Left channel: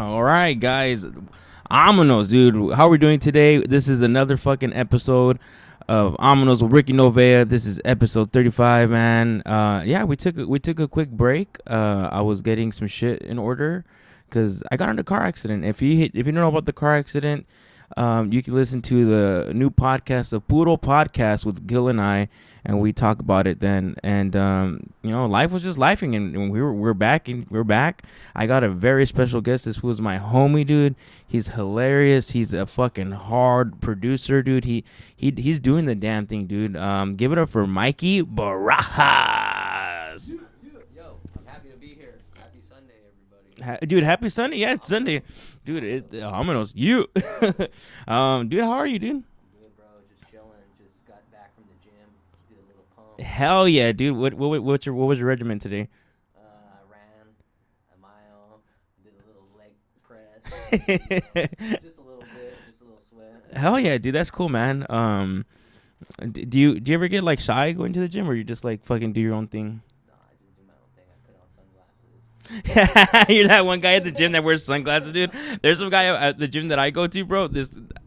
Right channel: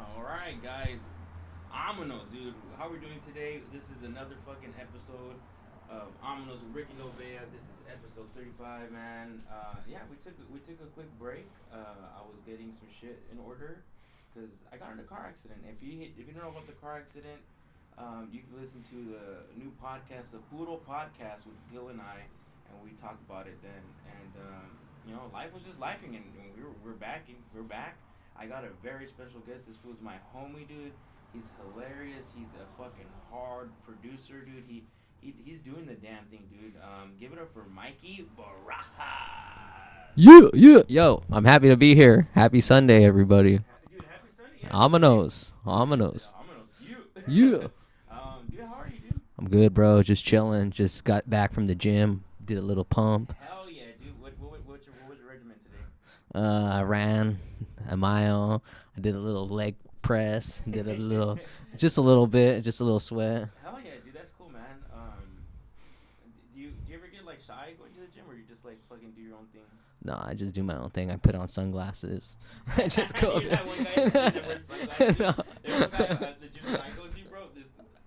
All right, guys. Amonos, dude. How are we doing today? This is another fucking episode of Amonos with Ricky Novea. This is episode 35, man. Yeah, we took a quick break. I was getting some shit in order because I got in a car accident. If you don't know about the car accident, you can listen to the new podcast, the Puro Podcast with Gil and I, and we talk about it then. And life was just lifing, and we're back, I got a very special guest. This was my homie, dude. He's hilarious. He's a fucking hard producer, dude. He's doing the damn thing, dude. Give it up for Mikey Barajas. Yeah. Yo, I'm happy to be here. Happy Sunday, everybody. Dude, happy Sunday. Yeah, Amonos. Amonos. You. Dude, how are you, dude? I'm good, bro. Just chilling. Just got back from the gym. Did a little pump. Hell yeah, dude. What was your regimen today? I ran a mile. I did a little leg press. Just a little bit. Just a little sweat. Hell yeah, dude. That's cool, man. Do you ever get like shy going to the gym, or you just like fucking do your own thing? No, I just do my own thing. I put on sunglasses. You're that one guy at the gym that wears sunglasses, dude. There's some guy at the gym that I go to, bro.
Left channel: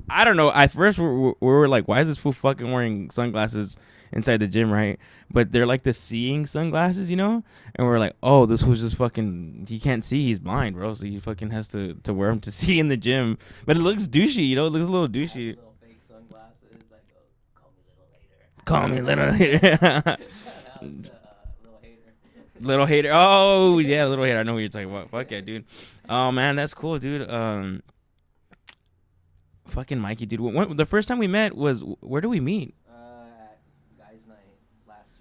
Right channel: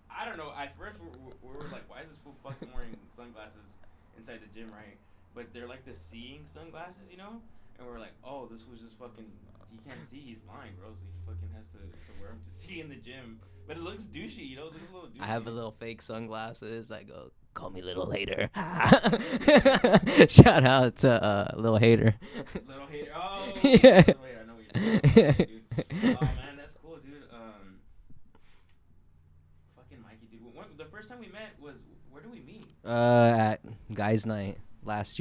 I don't know. At first, we were like, why is this fool fucking wearing sunglasses inside the gym, right? But they're like the seeing sunglasses, you know? And we're like, oh, this was just fucking, he can't see, he's blind, bro. So he fucking has to wear them to see in the gym. But it looks douchey, you know? It looks a little douchey. I have the little fake sunglasses. I go, call me little hater. Call me little hater. Shout out to little hater. Little hater. Oh, yeah, little hater. I know what you're talking about. Fuck yeah, dude. Oh, man, that's cool, dude. Fucking Mikey, dude. The first time we met was, where did we meet? At Guys Night last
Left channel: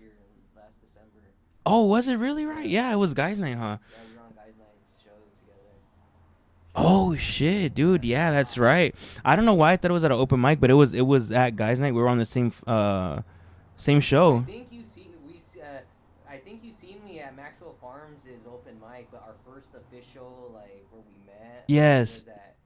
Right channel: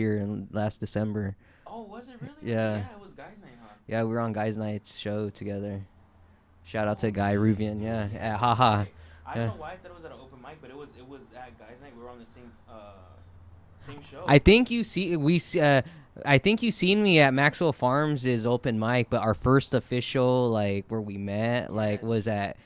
December. Oh, was it really? Yeah. Right? Yeah, it was Guys Night, huh? Yeah, we were on Guys Night's show together. Shout out to Guy shit, Rubin. dude. Yeah, that's right. I don't know why I thought it was at an open mic, but it was at Guys Night. We were on the same show. I think you seen me at Maxwell Farms' open mic, but our first official like where we met was at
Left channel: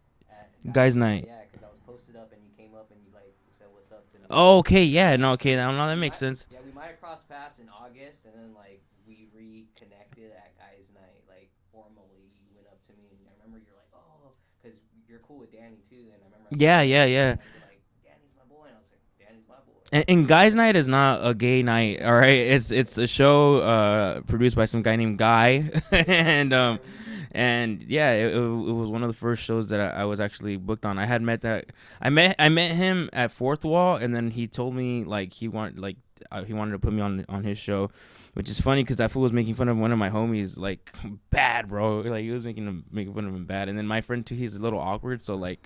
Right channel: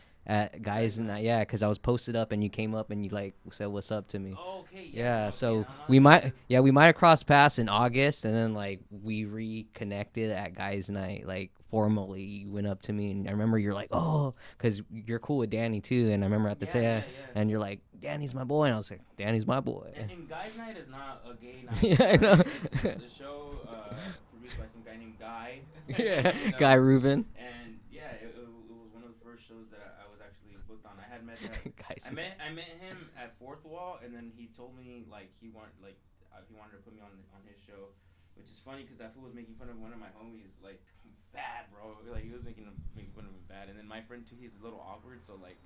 Guys Night. Yeah, because I was posted up and you came up and you like said what's up to me. Oh, okay, yeah, no, So okay, that makes sense. Yeah, we might have crossed paths in August, and then like we reconnected at Guys Night, like formally. You went up to me, and I remember you're like, oh, because you're cool with Danny too, and I remember at the time, and you're like, Danny's my boy, and I was like, Danny's my boy. And Guys Night is not a gay night, all right? It's a show produced by some guy named Guy and Guy Rubin. And yeah, it was one of the first shows that I was actually booked on. I had met that I met him at Fourth Wall, and then he told me like he wanted to put me on his show, which is funny because that fool was making fun of one of my homies like bad, bro. Like he was making fun of him bad, and then my friend too, he's a little awkward, so like.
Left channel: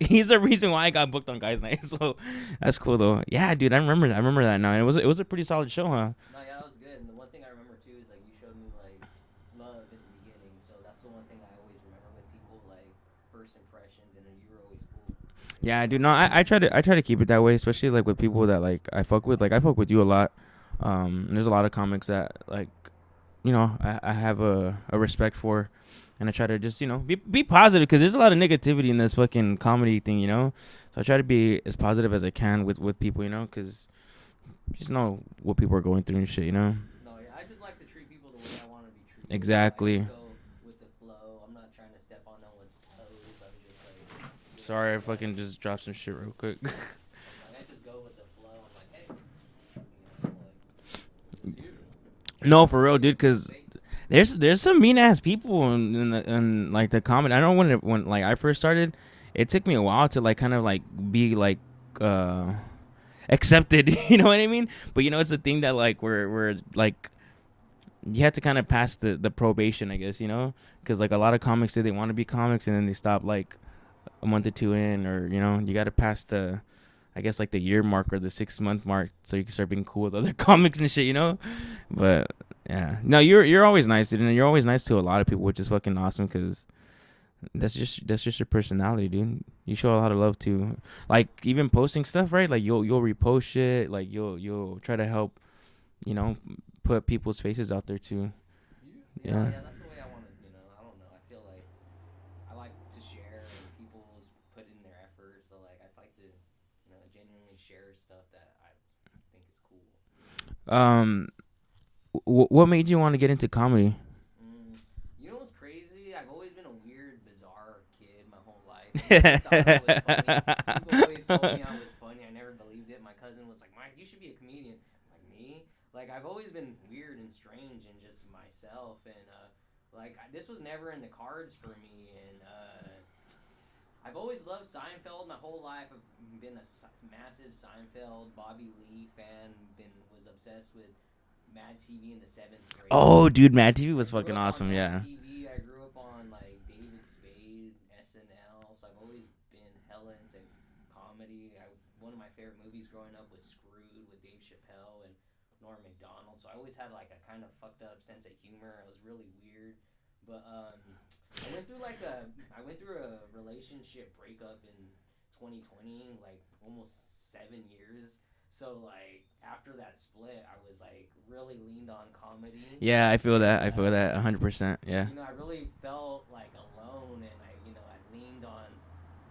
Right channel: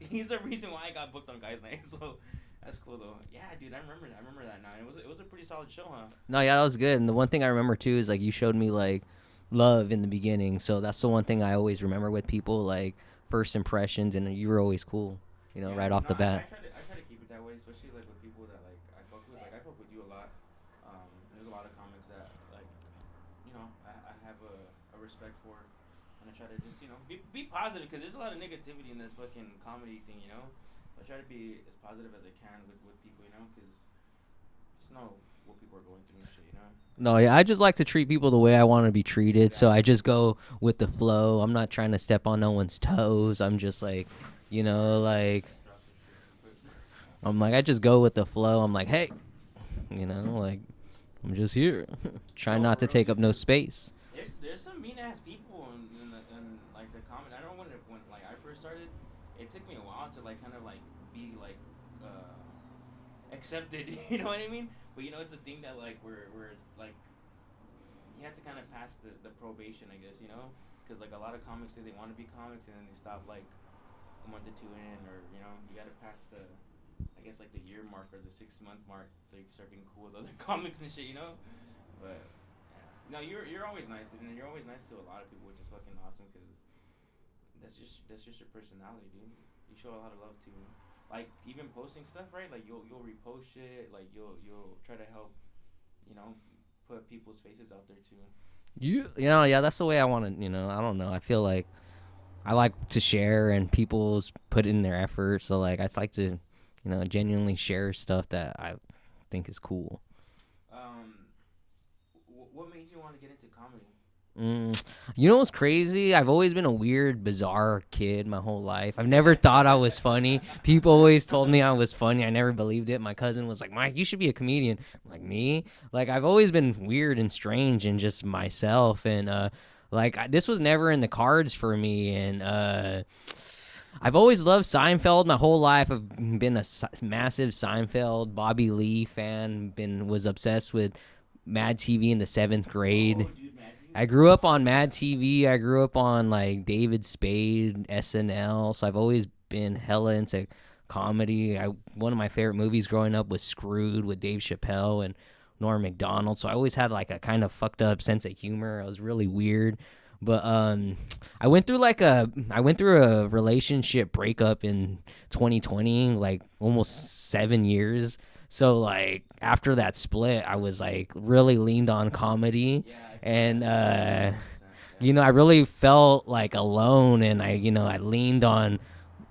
He's the reason why I got booked on Guys Night, so that's cool though. Yeah, dude, I remember that night. It was a pretty solid show, huh? No, yeah, that was good. And the one thing I remember too is like you showed me like love in the beginning, so that's the one thing I always remember with people, like first impressions, and you were always cool. You know, yeah, right dude. No, I try to keep it that way, especially like with people that like I fuck with. Like I fuck with you a lot. And there's a lot of comics that like, you know, I have a respect for. And I try to just, you know, be positive because there's a lot of negativity in this fucking comedy thing, you know. So I try to be as positive as I can with people, you know, because you just know what people are going through and shit, you know. No, yeah, I just like to treat people the way I want to be treated. Exactly. So I just go with the flow. I'm not trying to step on no one's toes. I'm just like, you know, Sorry, like just drop some shit real quick. I'm like, I just go with the flow. I'm like, hey, you know, like I'm just here. No, for real, dude, because space. There's some mean ass people in like the comedy. I know when like I first started, it took me a while to like kind of like be like accepted. You know what I mean? But you know, it's a thing that like we're like you have to kind of pass the probation, I guess. You know, because like a lot of comics say they want to be comics and then they stop like a month or two in, or you know, you got to pass the. I guess like the year mark or the 6 month mark, so you can start being cool with other comics and shit, you know. But yeah, no, you're always nice, dude, and you're always nice to a lot of people, which is fucking awesome because that's just your personality, dude. You show a lot of love too, like even posting stuff, right? Like you'll repost shit, like you'll try to help, you know, put people's faces out there too. You know, yeah, that's the way I want to. You know, I don't know. I feel like I like to share, and people's put in their effort, so like I like to. You know, genuinely share stuff that I think is cool. What made you want to get into comedy? You know what's crazy? I've always been a weird, bizarre kid my whole life. I've never thought I was funny. People always told me I was funny. I never believed it. My cousin was like, Mike, you should be a comedian. I'm like, me? Like, I've always been weird and strange and just myself. And, this was never in the cards for me. And, I've always loved Seinfeld my whole life. I've been a massive Seinfeld, Bobby Lee fan. Was obsessed with Mad TV in the 7th grade. Oh, dude, Mad TV was I grew up awesome, on Mad TV. I grew up on like David Spade, SNL. So I've always been hella into comedy. One of my favorite movies growing up was Screwed with Dave Chappelle and Norm Macdonald. So I always had like a kind of fucked up sense of humor. I was really weird. But I went through a relationship breakup in 2020, like almost 7 years. So, like, after that split, I was, like, really leaned on comedy. Yeah, I feel that. 100%. Yeah. You know, I really felt, like, alone, and I leaned on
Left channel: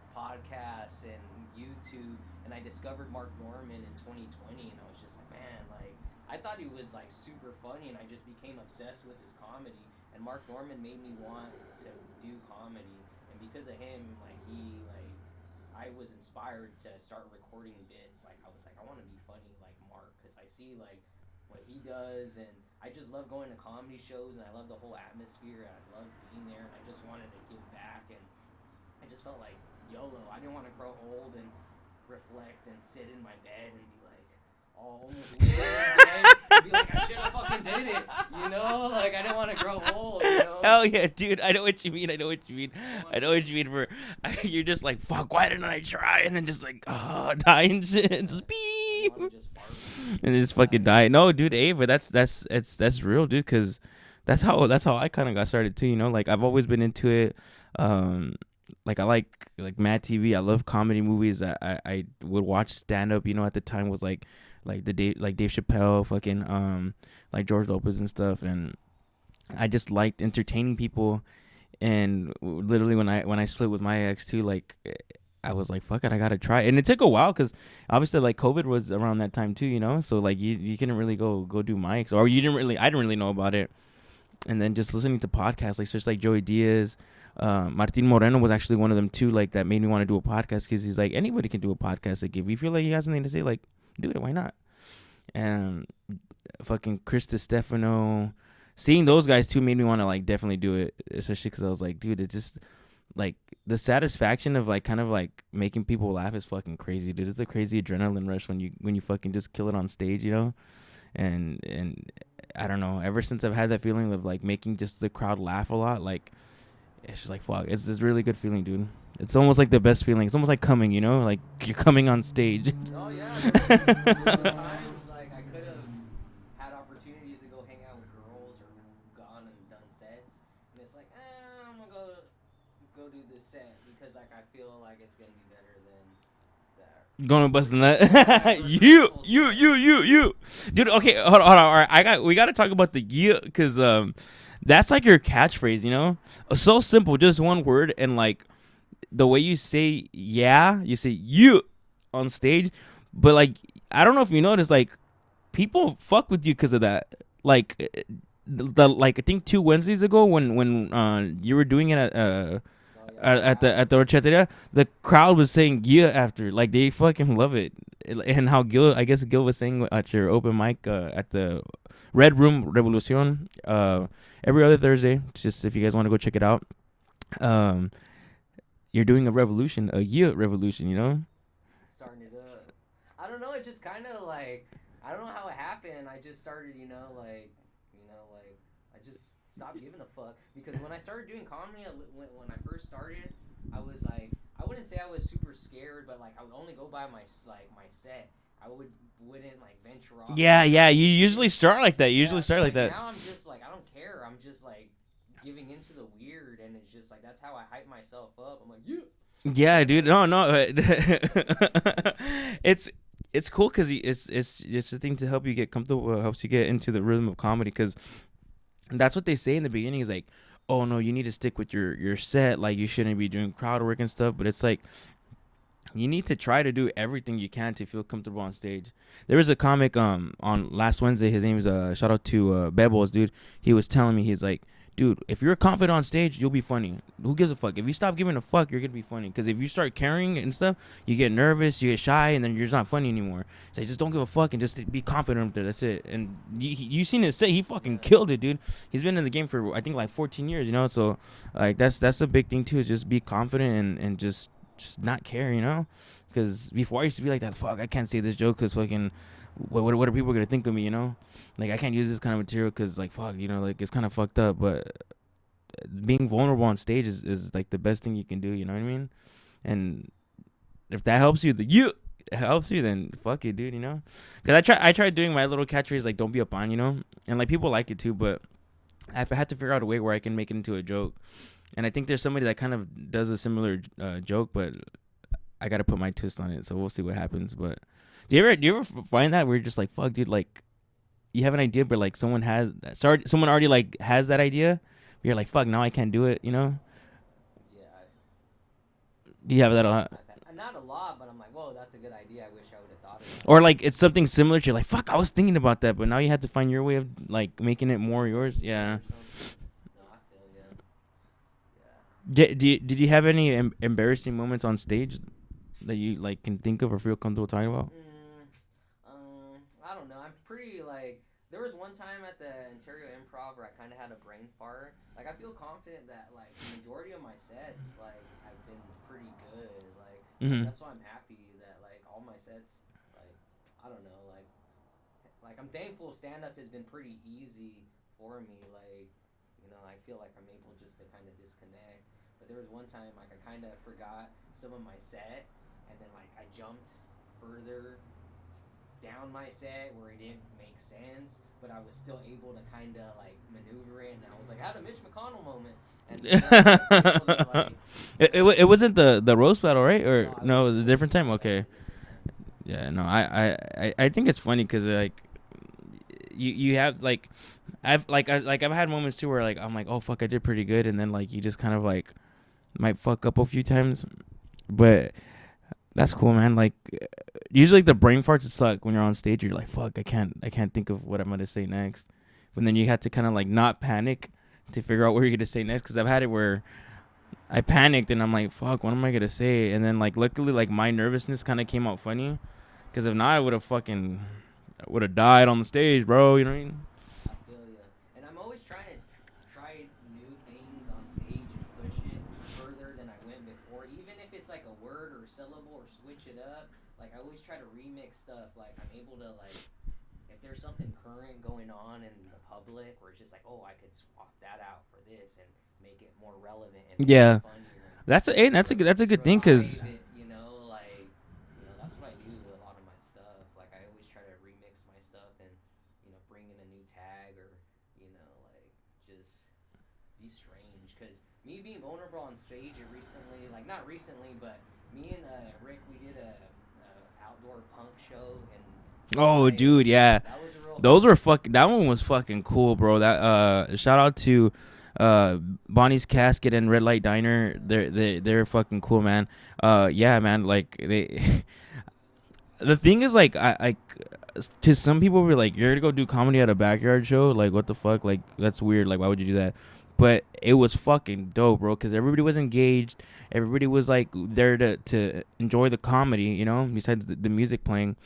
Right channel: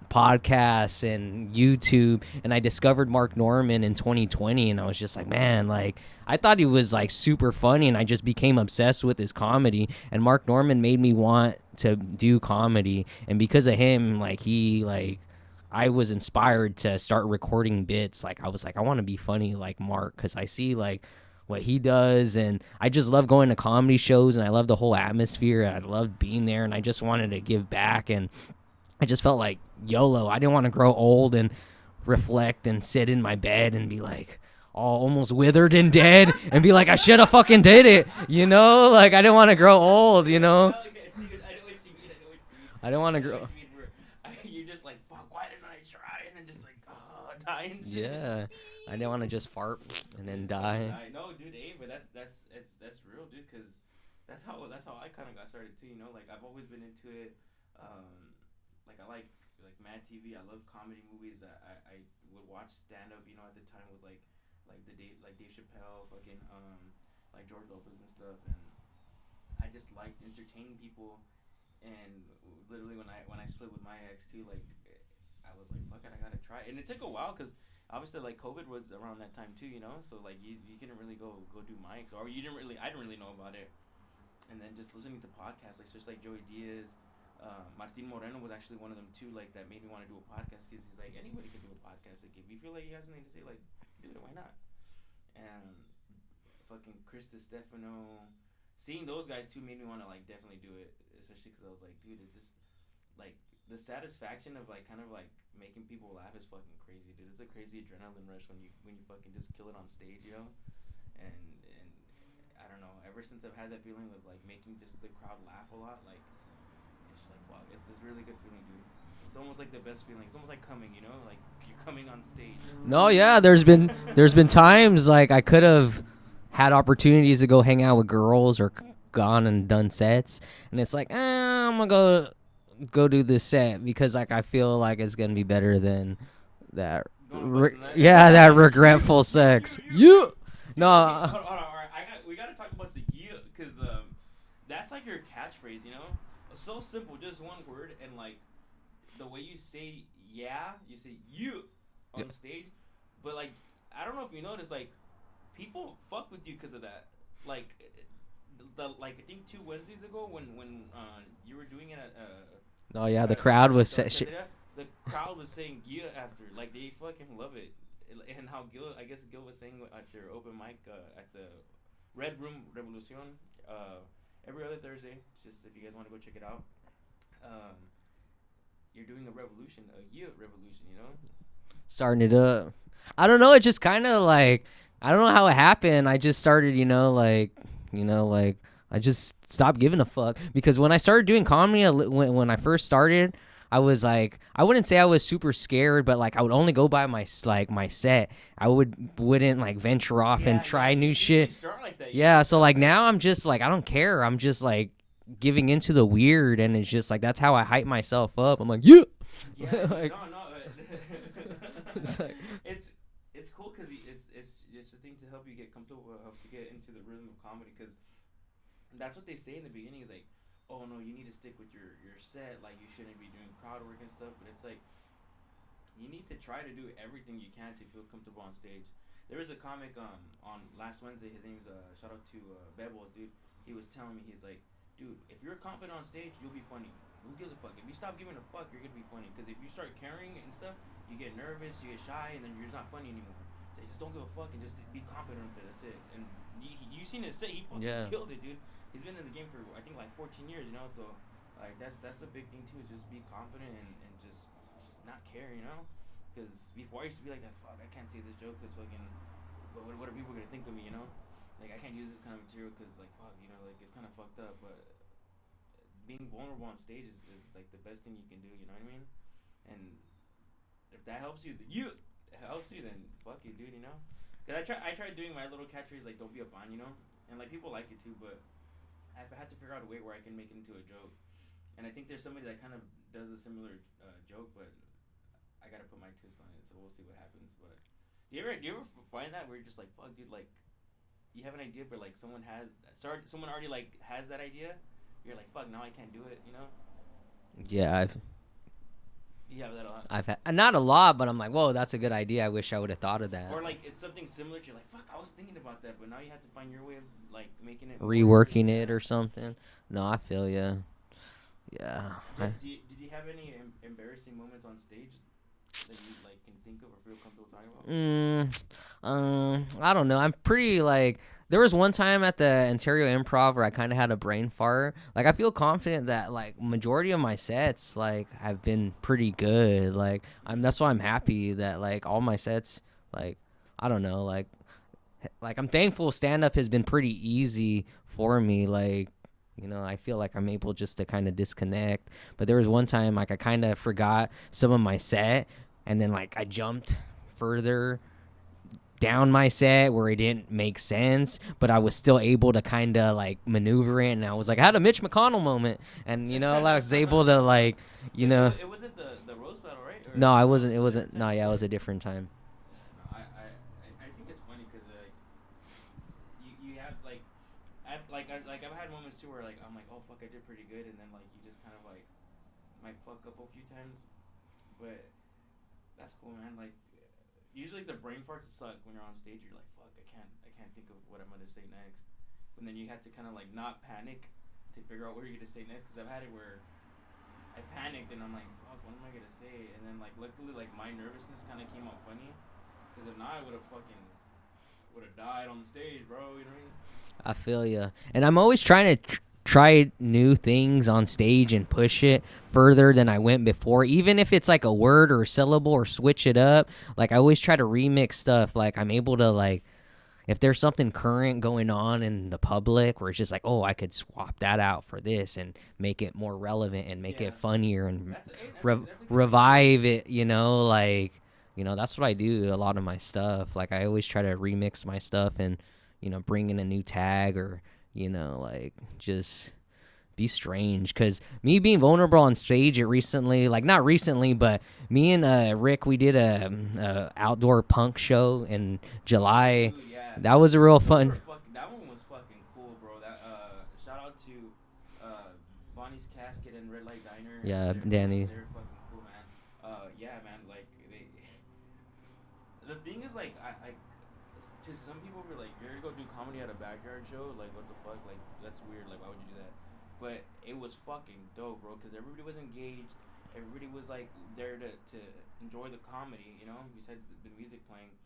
podcasts and YouTube, and I discovered Mark Norman in 2020, and I was just like, man, like, I thought he was, like, super funny, and I just became obsessed with his comedy, and Mark Norman made me want to do comedy, and because of him, I was inspired to start recording bits. Like, I was like, I want to be funny like Mark, because I see, like, what he does, and I just love going to comedy shows, and I love the whole atmosphere. I loved being there, and I just wanted to give back, and I just felt like YOLO. I didn't want to grow old and reflect and sit in my bed and be like, all almost withered and dead and be like, I should have fucking did it, you know? Like, I didn't want to grow old, you know? Hell yeah, dude. I know what you mean. I don't want to know what you mean you're just like, fuck, why didn't I try? And then just like, die and shit. Yeah. I didn't want to just fart and just fucking die. No, dude, but that's real, dude, because that's how I kind of got started too, you know? Like, I've always been into it. Like, I like Mad TV. I love comedy movies. I would watch stand up, you know, at the time was like Dave Chappelle, fucking like George Lopez and stuff, and I just liked entertaining people. And literally when I split with my ex too, like, I was like, fuck it, I gotta try. And it took a while because obviously like COVID was around that time too, you know, so like you couldn't really go do mics, or I didn't really know about it. And then just listening to podcasts, like especially like Joey Diaz, Martin Moreno was actually one of them too, like that made me want to do a podcast, because he's like, anybody can do a podcast. Like, if you feel like you have something to say, like, do it, why not? And fucking Chris Stefano, seeing those guys too made me want to like definitely do it, especially because I was like, dude, it's just like the satisfaction of like kind of like making people laugh is fucking crazy, dude. It's a crazy adrenaline rush when you fucking just kill it on stage, you know. And I don't know, ever since I've had that feeling of like making just the crowd laugh a lot, like, it's just like, fuck, it's this really good feeling, dude. It's almost like the best feeling. It's almost like coming, you know, like you're coming on stage. No, yeah, there's been times like I could have had opportunities to go hang out with girls or gone and done sets, and it's like, I'm gonna go do this set because like I feel like it's gonna be better than that. Going to busting that. Yeah, that regretful sex. You. Dude, no. Okay, hold on. All right, we got to talk about the you, because that's like your catchphrase, you know? So simple, just one word, and like the way you say you say you on stage, but like I don't know if you noticed, like people fuck with you because of that. Like I think 2 Wednesdays ago when you were doing it at at the Horchateria, the crowd was saying yeah after, like they fucking love it. And how Gil was saying at your open mic at the Red Rüm Revolucion every other Thursday, just if you guys want to go check it out. You're doing a revolution, you know? Starting it up. I don't know. It just kind of like, I don't know how it happened. I just started, I just stopped giving a fuck. Because when I started doing comedy, when I first started, I was like, I wouldn't say I was super scared, but like I would only go by my set. I wouldn't like venture off. Yeah, and try you new usually shit. start like that. So like now I'm just like, I don't care. I'm just like giving into the weird, and it's just like that's how I hype myself up. I'm like, yeah, dude. No. It's cool because it's just a thing to help you get comfortable, helps you get into the rhythm of comedy, because that's what they say in the beginning is like, oh no, you need to stick with your set, like you shouldn't be doing crowd work and stuff. But it's like you need to try to do everything you can to feel comfortable on stage. There was a comic on last Wednesday. His name is shout out to Bebbles, dude. He was telling me, he's like, dude, if you're confident on stage, you'll be funny. Who gives a fuck? If you stop giving a fuck, you're gonna be funny. Because if you start caring and stuff, you get nervous, you get shy, and then you're just not funny anymore. So just don't give a fuck and just be confident up there. That's it. And you seen it say he fucking killed it, dude. He's been in the game for I think like 14 years, you know. So like that's a big thing too. Is just be confident and just not care, you know. Because before I used to be like that. Fuck, I can't say this joke because fucking. What are people gonna think of me, you know? Like I can't use this kind of material because like fuck, you know, like it's kind of fucked up. But being vulnerable on stage is like the best thing you can do. You know what I mean? And if that helps you, then fuck it, dude. You know? Because I tried doing my little catchphrase like "Don't be a pawn," you know, and like people like it too. But I had to figure out a way where I can make it into a joke. And I think there's somebody that kind of does a similar joke, but I gotta put my twist on it. So we'll see what happens. But do you ever find that where you're just like, fuck, dude, like you have an idea, but like someone already like has that idea. You're like, fuck, now I can't do it, you know? Yeah, you have that a lot? I've had not a lot, but I'm like, whoa, that's a good idea. I wish I would have thought of that. Or like it's something similar. You're like, fuck, I was thinking about that, but now you have to find your way of like making it more reworking it or something. No, I feel you. Yeah. Did you have any embarrassing moments on stage that you like can think of or feel comfortable talking about? I don't know. I'm pretty like. There was one time at the Ontario Improv where I kind of had a brain fart. Like I feel confident that like majority of my sets like have been pretty good. Like that's why I'm happy that like all my sets like I don't know like I'm thankful stand up has been pretty easy for me. Like you know, I feel like I'm able just to kind of disconnect. But there was one time like I kind of forgot some of my set, and then like I jumped further down my set where it didn't make sense, but I was still able to kind of like maneuver it, and I was like, I had a Mitch McConnell moment, and you know, I was able to like, you know, it wasn't the roast battle, right? Or no, it was a different time. No, okay, yeah, it was a different time. Yeah, no, I think it's funny because like you have like I've had moments too where like I'm like, oh fuck, I did pretty good, and then like you just kind of like might fuck up a few times, but that's cool, man. Like usually like, the brain farts suck when you're on stage. You're like, fuck, I can't think of what I'm gonna say next, but then you have to kind of like not panic to figure out what you're gonna say next. Because I've had it where I panicked and I'm like, fuck, what am I gonna say? And then like luckily like my nervousness kind of came out funny, because if not I would have died on the stage, bro. You know what I mean? I feel you. And I'm always trying to try new things on stage and push it further than I went before, even if it's like a word or a syllable or switch it up. Like I always try to remix stuff. Like I'm able to like, if there's something current going on in the public where it's just like, oh, I could swap that out for this and make it more relevant and make it funnier, and that's a good thing. Revive it, you know, like, you know, that's what I do a lot of my stuff. Like I always try to remix my stuff and, you know, bring in a new tag, or, you know, like just be strange. Because me being vulnerable on stage, it recently, like not recently, but me and Rick, we did a outdoor punk show in July. Oh, dude, yeah, that was a real. Those were that one was fucking cool, bro. That shout out to Bonnie's Casket and Red Light Diner. Yeah, they're fucking cool, man. Yeah, man. Like they, the thing is, like I to some people we're like, you're gonna go do comedy at a backyard show, like what the fuck, like that's weird, like why would you do that? But it was fucking dope, bro, because everybody was engaged, everybody was like there to enjoy the comedy, you know, besides the music playing.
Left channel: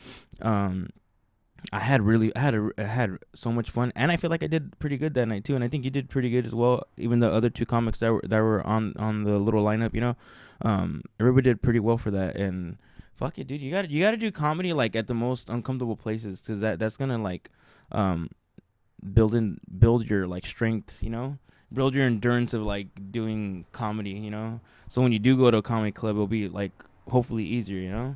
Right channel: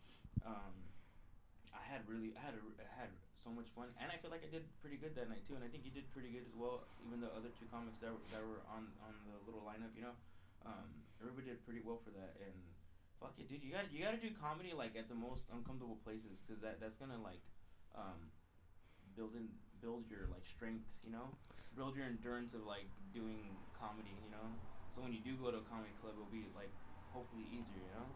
I had so much fun, and I feel like I did pretty good that night too, and I think you did pretty good as well, even the other two comics that were on the little lineup, you know. Everybody did pretty well for that. And fuck it, dude. You gotta do comedy like at the most uncomfortable places, because that's gonna like build your like strength, you know, build your endurance of like doing comedy, you know. So when you do go to a comedy club, it'll be like hopefully easier, you know.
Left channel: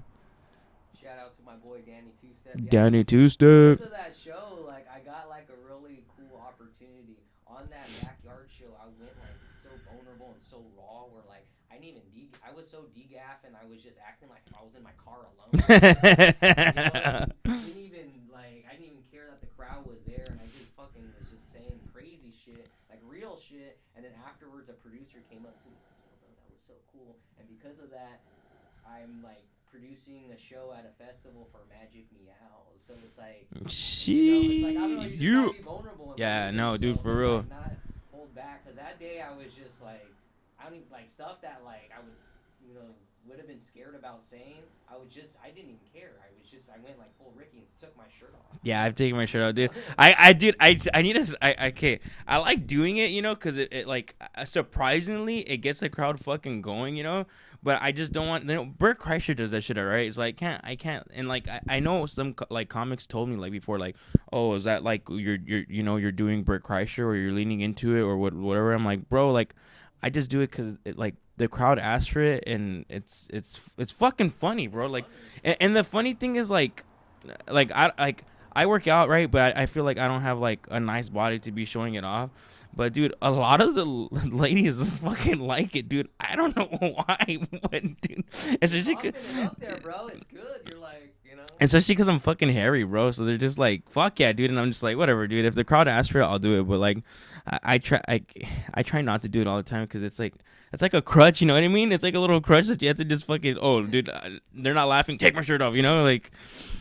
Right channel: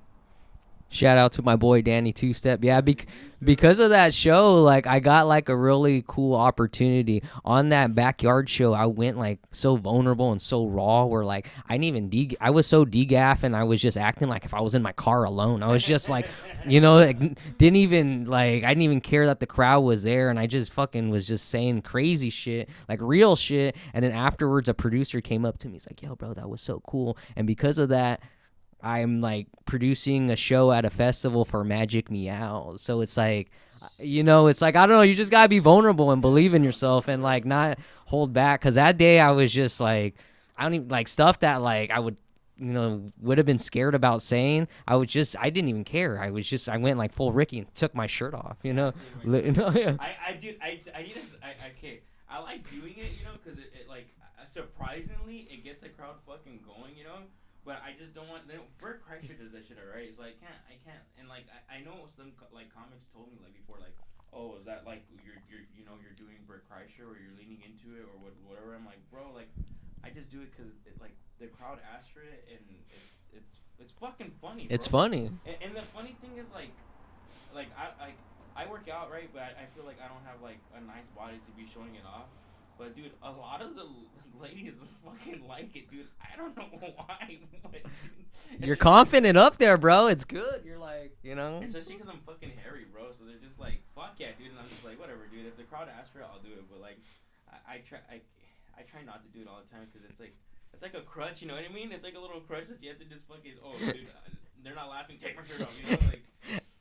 Shout out to my boy Danny Two-Step. Yeah, Danny Two-Step. Because of that show, like I got like a really cool opportunity on that backyard show. I went like so vulnerable and so raw, where like I didn't even I was so degaff, and I was just acting like if I was in my car alone. I was just like, you know, like I didn't even care that the crowd was there, and I just fucking was just saying crazy shit, like real shit. And then afterwards, a producer came up to me. He's like, "Yo, bro, that was so cool." And because of that, I'm like producing a show at a festival for Magic Meow. So it's like, you know, it's like, I don't know, you just gotta be vulnerable and believe in yourself, dude, and like not hold back, because that day I was just like, I don't even like stuff that like I would, would have been scared about saying. I didn't even care. I went like full Ricky and took my shirt off. I'm taking my shirt off, dude. Yeah. I need to, okay. I like doing it, because it like, surprisingly, it gets the crowd fucking going, but I just don't want, Bert Kreischer does that shit, alright? So I can't, and like, I know some like comics told me like before, like, oh, is that like, you're doing Bert Kreischer or you're leaning into it or whatever. I'm like, bro, like, I just do it because like the crowd asked for it, and it's fucking funny, bro. It's like, funny. And the funny thing is like I work out, right, but I feel like I don't have like a nice body to be showing it off. But dude, a lot of the ladies fucking like it, dude. I don't know why, but dude, you're confident up there, bro. It's good. You're like, especially because I'm fucking hairy, bro. So they're just like, fuck yeah, dude. And I'm just like, whatever, dude. If the crowd asks for it, I'll do it. But like, I try not to do it all the time because it's like a crutch, you know what I mean? It's like a little crutch that you have to just fucking, oh, dude, they're not laughing. Take my shirt off, like.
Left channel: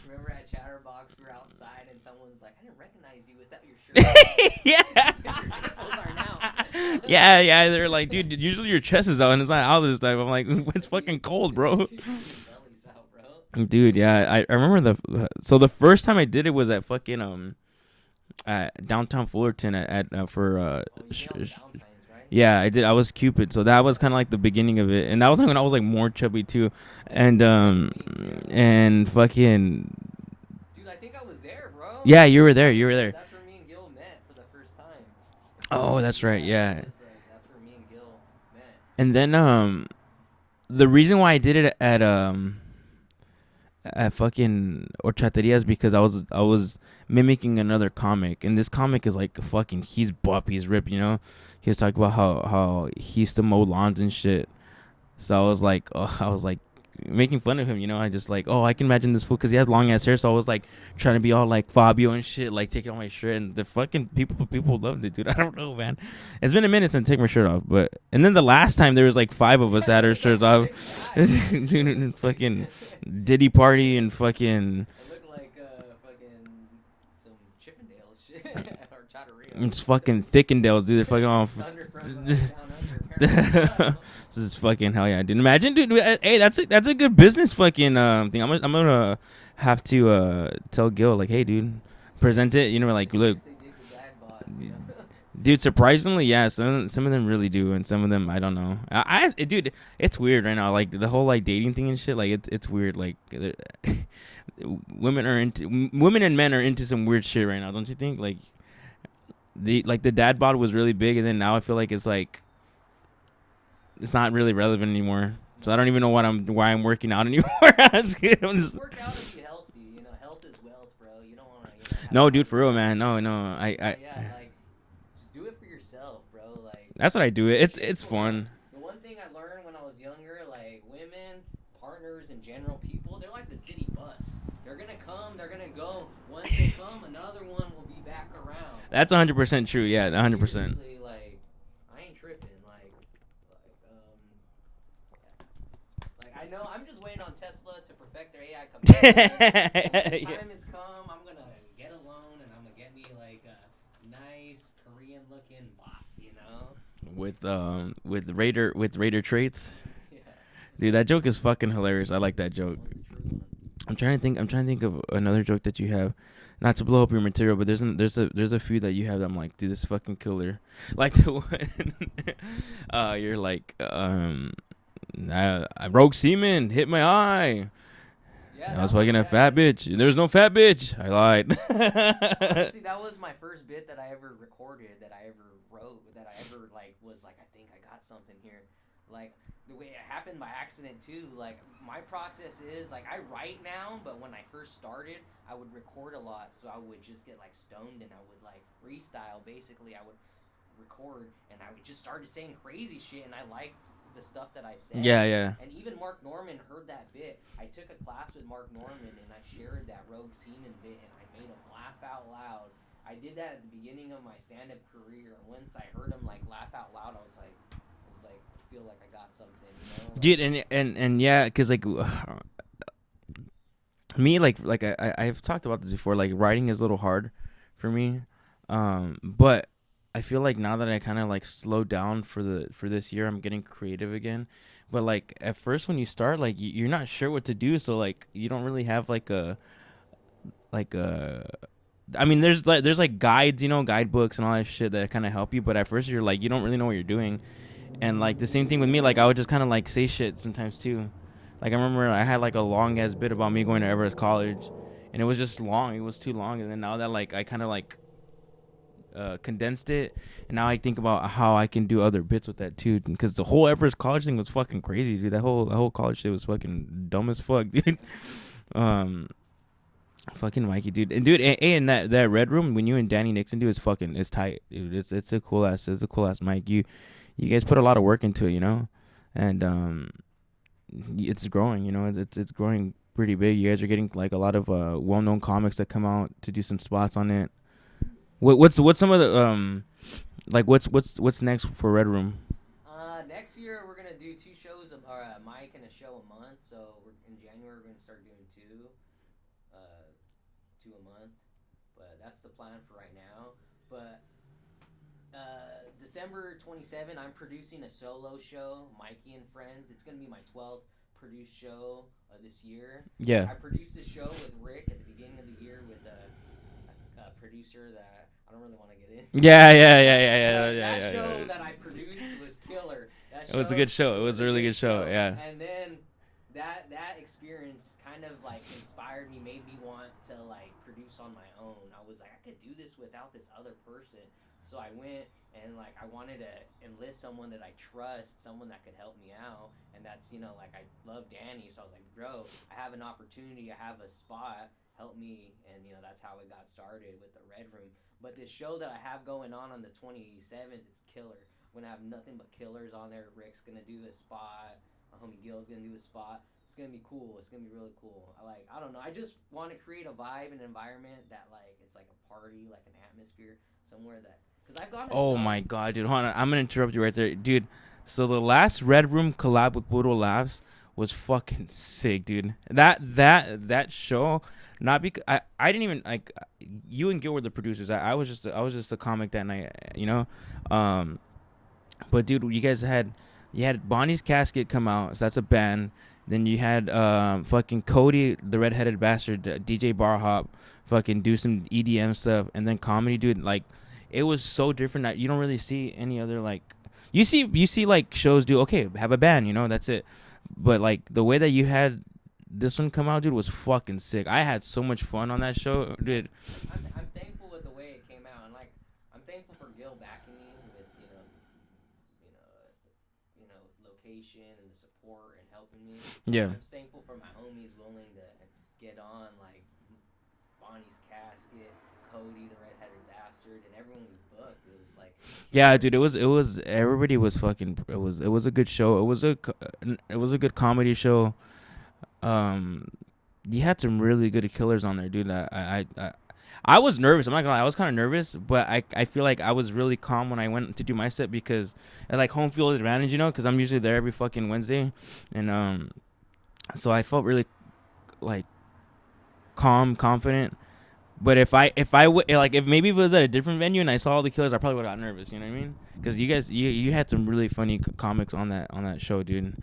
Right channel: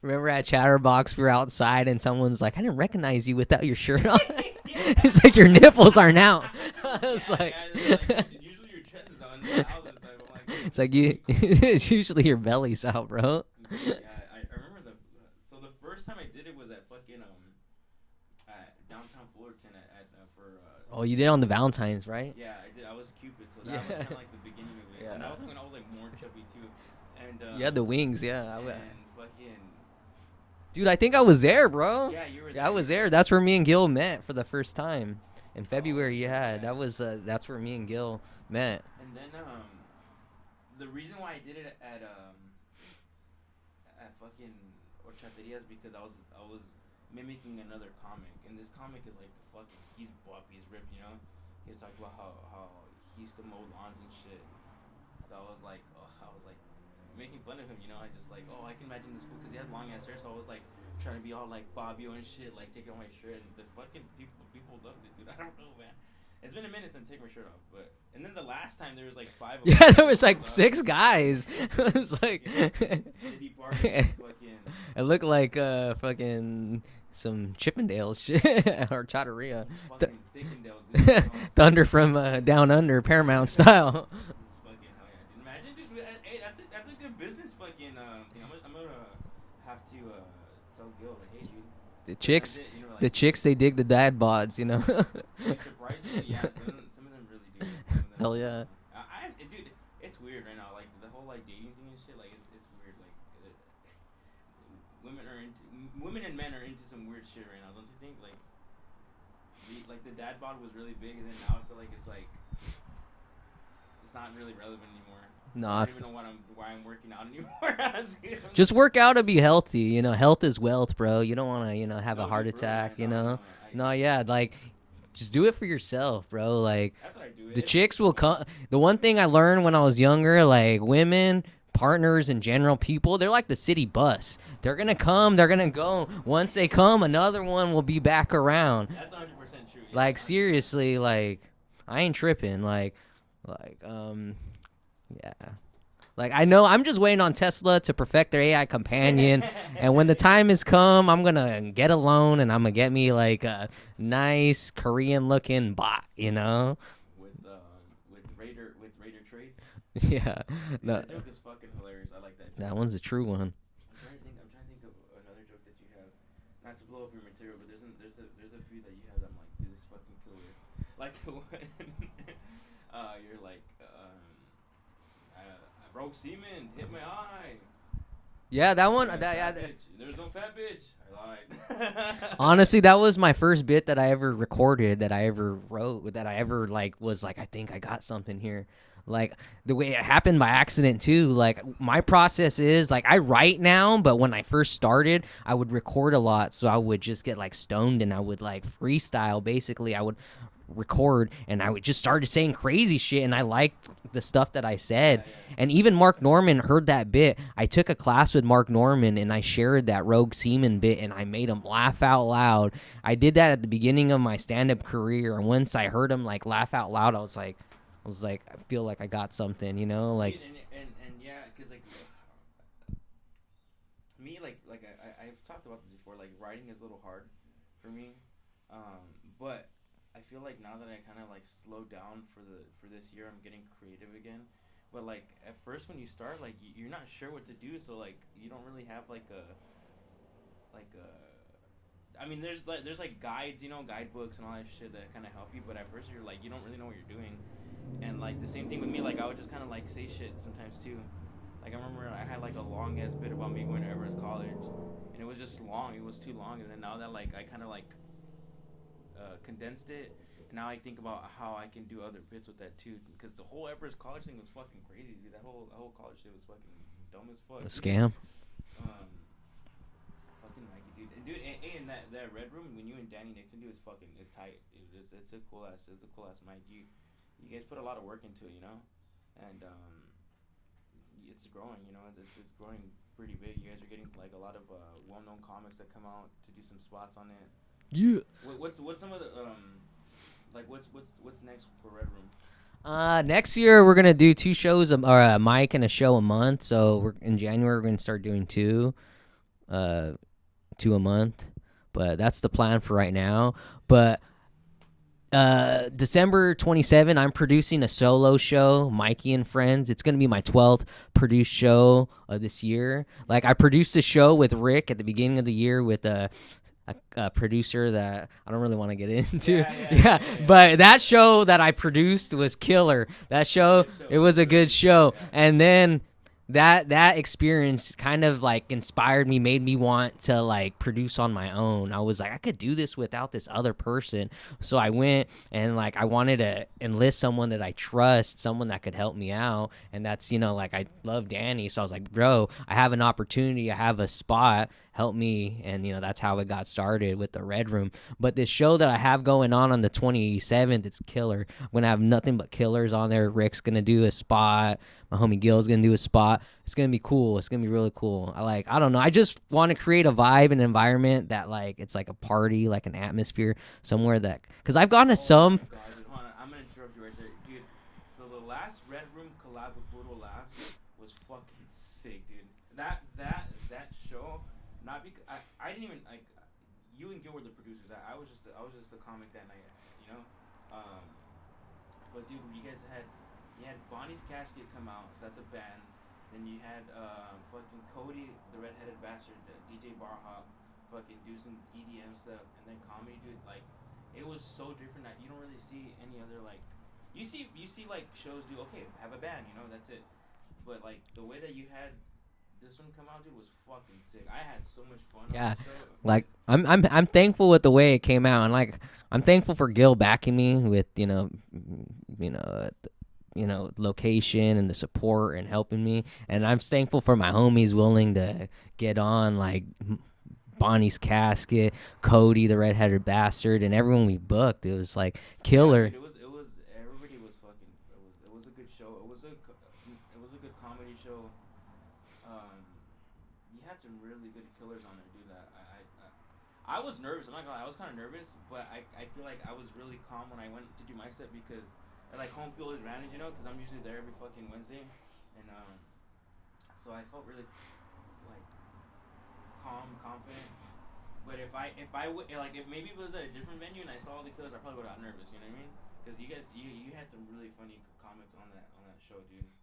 Remember at Chatterbox, we were outside and someone's like, I didn't recognize you without your shirt on. Yeah. It's like your nipples aren't out. Yeah. They're like, dude, usually your chest is out and it's not out this time. I'm like, it's like fucking cold, bro. It's usually your belly's out, bro. Dude, yeah. I remember the first time I did it was at fucking, at downtown Fullerton for oh, you did on the Valentine's, right? Yeah, I did. I was Cupid, so that was kind of like the beginning of it, and that was like when I was like more chubby too, and the wings, yeah, and fucking, dude, I think I was there, bro. Yeah, you were there. You were there. That's where me and Gil met for the first time in February. Oh, that's right. Yeah, that's where me and Gil met. And then the reason why I did it at fucking Horchateria is because I was mimicking another comic, and this comic is like fucking, he's buff, he's ripped, he was talking about how he used to mow lawns and shit. So I was like making fun of him, I just like, oh, I can imagine this fool because he has long ass hair. So I was like trying to be all like Fabio and shit, like taking off my shirt, and the fucking people loved it, dude. I don't know, man. It's been a minute since I take my shirt off, and then the last time there was like 5 of us that had our shirts off. 6 guys. Dude, it's fucking Diddy party and fucking. It looked like fucking some Chippendales shit or Chatteria. It's fucking Thickendales, dude. Fucking all Thunder from Down Under, Paramount style. This is fucking hell yeah, dude. Imagine, dude. Hey, that's a good business fucking thing. I'm gonna have to tell Gil like, hey, dude, present it. Like the chicks, they dig the dad bods, Dude, surprisingly, yeah. Some of them really do, and some of them I don't yeah. know. Dude, it's weird right now. Like the whole like dating thing and shit. Like it's weird. Like. Women and men are into some weird shit right now, don't you think? Like the dad bod was really big, and then now I feel like it's like it's not really relevant anymore. No. So I don't even know why I'm working out anymore. Just work out and be healthy. Health is wealth, bro. You don't want to have no, a heart dude, for real, attack, man. No, yeah, like. Just do it for yourself, bro. Like that's what I do. It's will come. The one thing I learned when I was younger, like women, partners in general, people, they're like the city bus. They're gonna come, they're gonna go. Once they come, another one will be back around. That's 100% true. Yeah, like 100%. Seriously, like I ain't tripping. Yeah. Like I know I'm just waiting on Tesla to perfect their AI companion, and when the time has come, I'm gonna get a loan and I'm gonna get me like a nice Korean looking bot, with Raider traits. Yeah, dude, that joke is fucking hilarious. I like that joke. That one's a true one. I'm trying to think of another joke that you have. Not to blow up your material, but there's a few that you have that I'm like, dude, this is fucking killer. Like the one, you're like, rogue semen hit my eye. Yeah, that I was one. Fucking a fat bitch. There's no fat bitch. I lied. Honestly, that was my first bit that I ever recorded, that I ever wrote, that I ever was like, I think I got something here. Like the way it happened by accident too. Like my process is like I write now, but when I first started, I would record a lot, so I would just get like stoned and I would like freestyle. Basically, I would record and I would just started saying crazy shit, and I liked the stuff that I said. Yeah. And even Mark Norman heard that bit. I took a class with Mark Norman and I shared that rogue semen bit, and I made him laugh out loud. I did that at the beginning of my stand-up career, and once I heard him like laugh out loud, I was like, I feel like I got something, like, dude, and yeah, because like me, like I've talked about this before. Like writing is a little hard for me, but I feel like now that I kind of like slowed down for this year, I'm getting creative again. But like at first when you start, like you're not sure what to do, so like you don't really have like a I mean, there's like guides, guidebooks and all that shit that kind of help you. But at first you're like you don't really know what you're doing, and like the same thing with me. Like I would just kind of like say shit sometimes too. Like I remember I had like a long ass bit about me going to Everest College, and it was just long. It was too long, and then now that like I kind of like condensed it, and now I think about how I can do other bits with that too, because the whole Everest College thing was fucking crazy, dude. That whole college shit was fucking dumb as fuck, dude. Scam. Fucking Mikey, dude, and that Red Rüm when you and Danny Nixon do is tight, dude. It's a cool ass mic. You guys put a lot of work into it, and it's growing, it's growing pretty big. You guys are getting like a lot of well-known comics that come out to do some spots on it. Yeah. What's some of the like what's next for Red Rüm? Next year we're gonna do 2 shows or a mic and a show a month. So in January we're gonna start doing 2 a month. But that's the plan for right now. But December 27, I'm producing a solo show, Mikey and Friends. It's gonna be my 12th produced show of this year. Yeah. Like I produced a show with Rick at the beginning of the year with a producer that I don't really want to get into. Yeah. But that show that I produced was killer. That show, it was a good show. Yeah. And then that experience kind of like inspired me, made me want to like produce on my own. I was like, I could do this without this other person. So I went and like I wanted to enlist someone that I trust, someone that could help me out. And that's, like I love Danny. So I was like, bro, I have an opportunity. I have a spot. Help me. And, that's how it got started with the Red Rüm. But this show that I have going on the 27th, it's killer. I'm going to have nothing but killers on there. Rick's going to do a spot. My homie Gil's going to do a spot. It's going to be cool. It's going to be really cool. I don't know. I just want to create a vibe and environment that, like, it's like a party, like an atmosphere somewhere that... Because I've gone to some... Oh, my God, dude. Hold on. I'm going to interrupt you right there. Dude, so the last Red Rüm collab with Budo Labs was fucking sick, dude. That show... Not because I didn't even like you and Gil were the producers. I was just a comic that night, But dude, you had Bonnie's Casket come out, so that's a band. Then you had fucking Cody, the redheaded bastard, DJ Bar Hop, fucking do some EDM stuff, and then comedy, dude. Like it was so different that you don't really see any other like you see like shows do have a band, that's it. But like the way that you had this one come out, dude, was fucking sick. I had so much fun on that show. Dude. Like I'm thankful with the way it came out, and like I'm thankful for Gil backing me with location and the support and helping me. And I'm thankful for my homies willing to get on, like Bonnie's Casket, Cody, the redheaded bastard, and everyone we booked. It was like killer. Yeah, dude. It was everybody was fucking. It was a good show. It was a good comedy show. You had some really good killers on there, dude. I was nervous. I'm not gonna lie. I was kind of nervous, but I feel like I was really calm when I went to do my set because I like home field advantage, because I'm usually there every fucking Wednesday, and so I felt really like calm, confident. But if maybe it was at a different venue and I saw all the killers, I probably would have got nervous. You know what I mean? Because you guys, you had some really funny comics on that show, dude.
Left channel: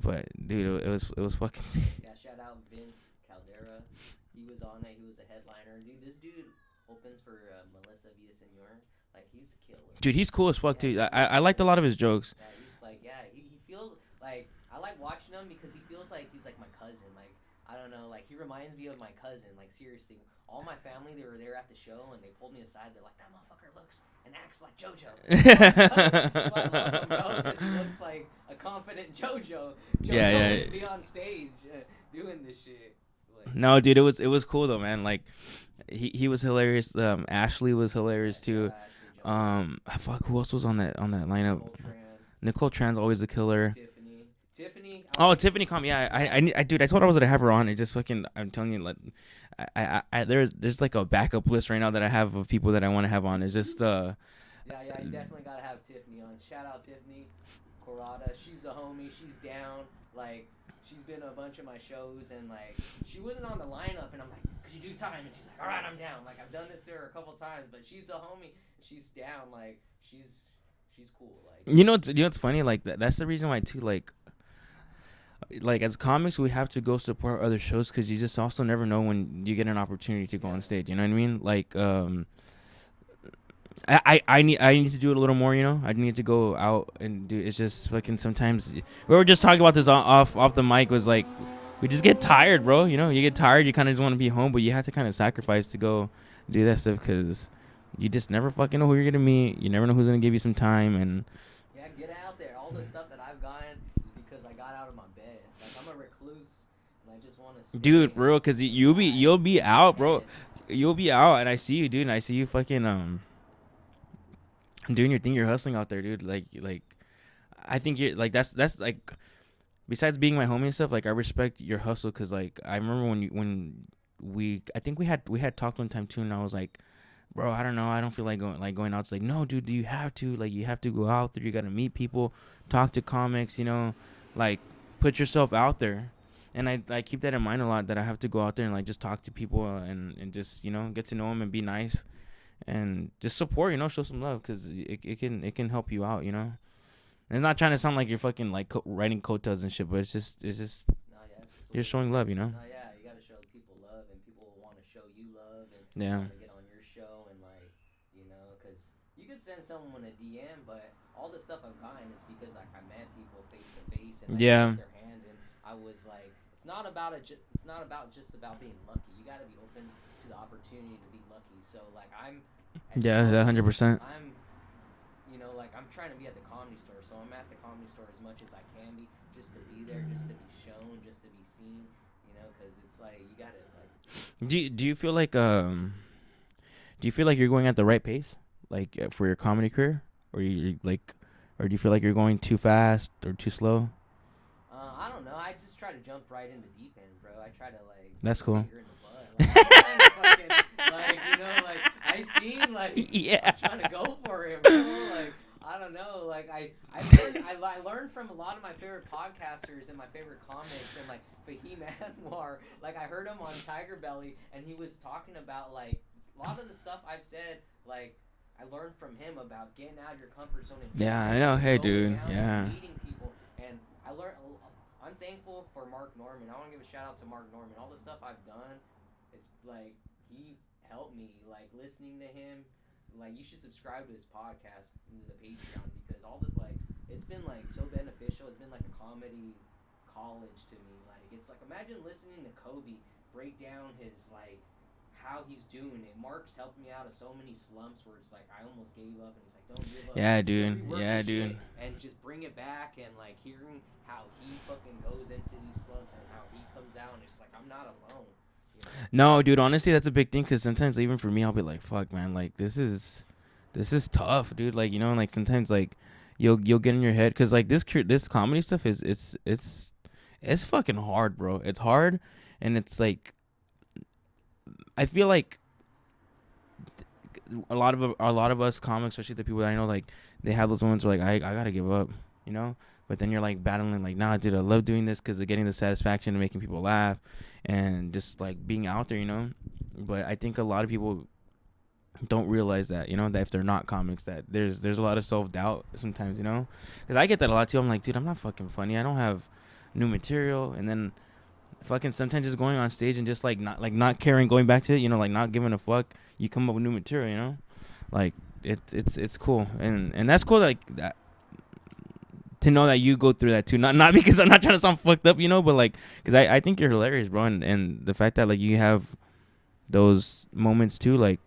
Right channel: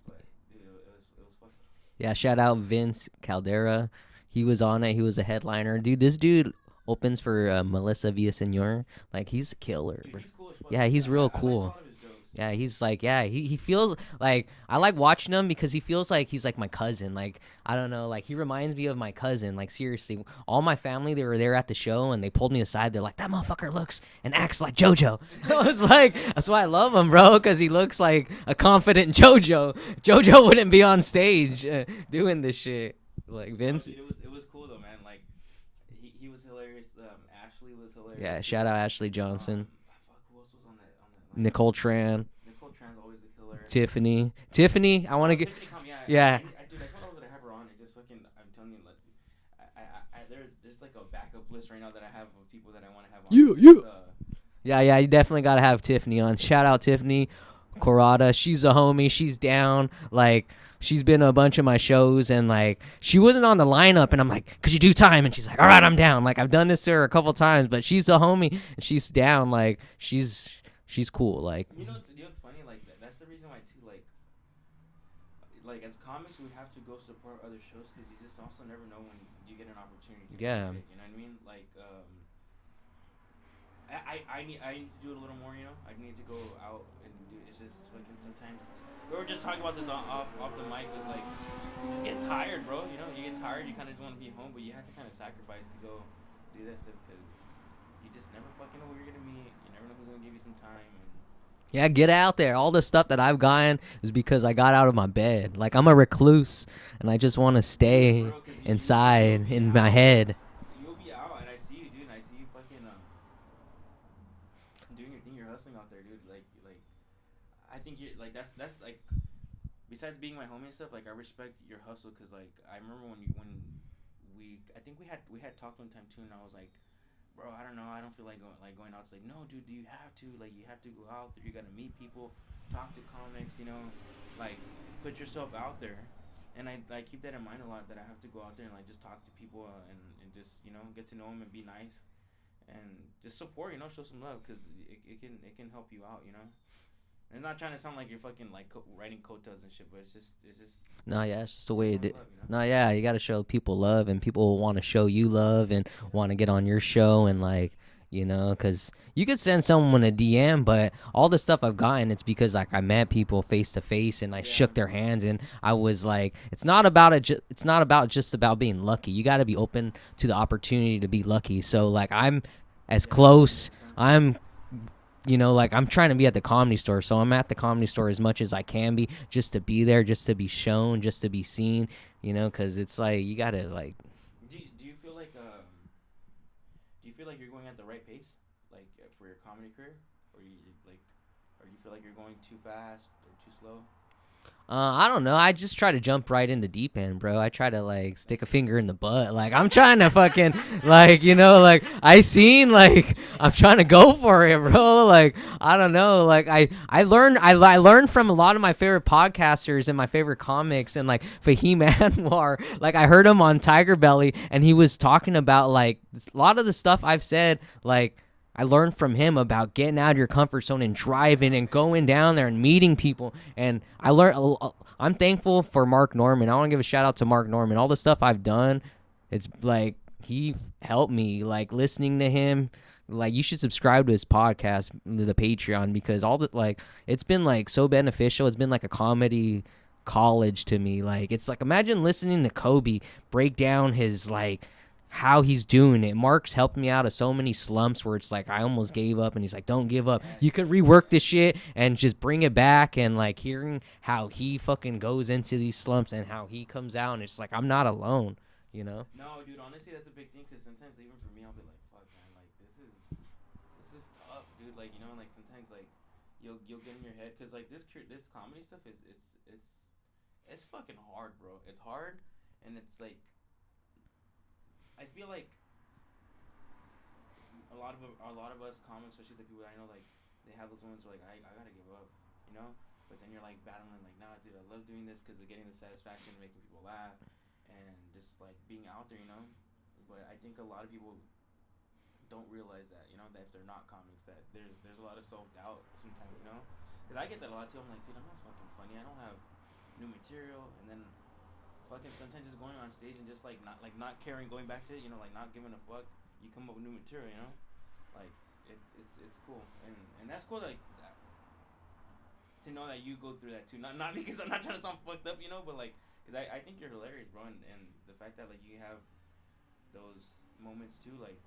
But dude, it was fucking. Yeah, shout out Vince Caldera. He was on it. He was a headliner. Dude, this dude opens for Melissa Villaseñor. Like, he's a killer. Dude, he's cool as fuck. Yeah, too. he's real cool. I liked a lot of his jokes. Yeah, he's like, he feels like, I like watching him because he feels like he's like my cousin. Like, I don't know, like, he reminds me of my cousin. Like, seriously, all my family, they were there at the show, and they pulled me aside. They're like, that motherfucker looks and acts like JoJo. It's like, that's why I love him, bro, because he looks like a confident JoJo. JoJo wouldn't be on stage doing this shit. Like, no, dude, it was cool though, man. Like, he was hilarious. Ashley was hilarious. Yeah, shout out Ashley Johnson. Fuck, who else was on that lineup? Nicole Tran. Nicole Tran's always a killer. Tiffany. Tiffany come. Yeah. Dude, I told her I was gonna have her on. It just fucking. I'm telling you, like, there's like a backup list right now that I have of people that I want to have on. Yeah, you definitely gotta have Tiffany on. Shout out Tiffany Corrada. She's a homie. She's down. Like, she's been to a bunch of my shows, and like she wasn't on the lineup, and I'm like, could you do time? And she's like, all right, I'm down. Like I've done this to her a couple times, but she's a homie and she's down. Like she's cool. Like what's funny? Like that's the reason why too. Like as comics, we have to go support other shows because you just also never know when you get an opportunity to go on stage. You know what I mean? Like I need to do it a little more, you know. I need to go out and do. It's just fucking sometimes. We were just talking about this off the mic. Was like, we just get tired, bro. You know, you get tired. You kind of just want to be home, but you have to kind of sacrifice to go do that stuff because you just never fucking know who you're gonna meet. You never know who's gonna give you some time and. Yeah, get out there. All the stuff that I've gotten is because I got out of my bed. Like I'm a recluse, and I just want to stay. Dude, bro, because you'll be out. You'll be out, and I see you, dude. And I see you fucking doing your thing. You're hustling out there, dude. Like I think you're like that's like. Besides being my homie and stuff, like I respect your hustle, because like I remember when I think we had talked one time too, and I was like, bro, I don't know, I don't feel like going out. It's like, no, dude, you have to go out there. You got to meet people, talk to comics, you know, like put yourself out there. And I keep that in mind a lot, that I have to go out there and like just talk to people and just, you know, get to know them and be nice and just support, you know, show some love, because it can help you out, you know. And it's not trying to sound like you're fucking like writing coattails and shit, but it's just no, yeah, it's just a way showing love, you know. No, yeah, you got to show people love, and people will want to show you love and want to get on your show, and like, you know, because you could send someone a DM, but all the stuff I've gotten, it's because like I met people face to face and I shook their hands, and I was like, it's not about just about being lucky. You got to be open to the opportunity to be lucky. So like I'm as close. 100%. I'm. You know, like I'm trying to be at the Comedy Store, so I'm at the Comedy Store as much as I can be, just to be there, just to be shown, just to be seen. You know, because it's like you gotta like. Do you feel like you're going at the right pace, like for your comedy career, or do you feel like you're going too fast or too slow? I don't know. I just try to jump right in the deep end, bro. I try to like stick a finger in the butt. Like I'm trying to fucking like, you know, like I'm trying to go for it, bro. Like I don't know. Like I learned from a lot of my favorite podcasters and my favorite comics, and like Fahim Anwar. Like I heard him on Tiger Belly, and he was talking about like a lot of the stuff I've said, like I learned from him about getting out of your comfort zone and driving and going down there and meeting people. And I learned. I'm thankful for Mark Norman. I want to give a shout out to Mark Norman. All the stuff I've done, it's like he helped me. Like listening to him, like you should subscribe to his podcast, the Patreon, because all the like it's been like so beneficial. It's been like a comedy college to me. Like it's like imagine listening to Kobe break down his like. How he's doing it. Mark's helped me out of so many slumps where it's like I almost gave up, and he's like, don't give up. You can rework this shit and just bring it back. And like hearing how he fucking goes into these slumps and how he comes out, and it's like I'm not alone, you know. No, dude, honestly that's a big thing, because sometimes even for me I'll be like, fuck man, like this is tough, dude. Like, you know, like sometimes like you'll get in your head, because like this comedy stuff is it's fucking hard, bro. It's hard, and it's like I feel like a lot of us comics, especially the people that I know, like they have those moments where like I gotta give up, you know. But then you're like battling, like, nah, dude, I love doing this because of getting the satisfaction of making people laugh and just like being out there, you know. But I think a lot of people don't realize that, you know, that if they're not comics, that there's a lot of self-doubt sometimes, you know. Because I get that a lot too. I'm like, dude, I'm not fucking funny. I don't have new material, and then. Fucking sometimes just going on stage and just like not caring, going back to it, you know, like not giving a fuck. You come up with new material, you know, like it's cool, and that's cool, like that, to know that you go through that too. Not because I'm not trying to sound fucked up, you know, but like because I think you're hilarious, bro, and the fact that like you have those moments too, like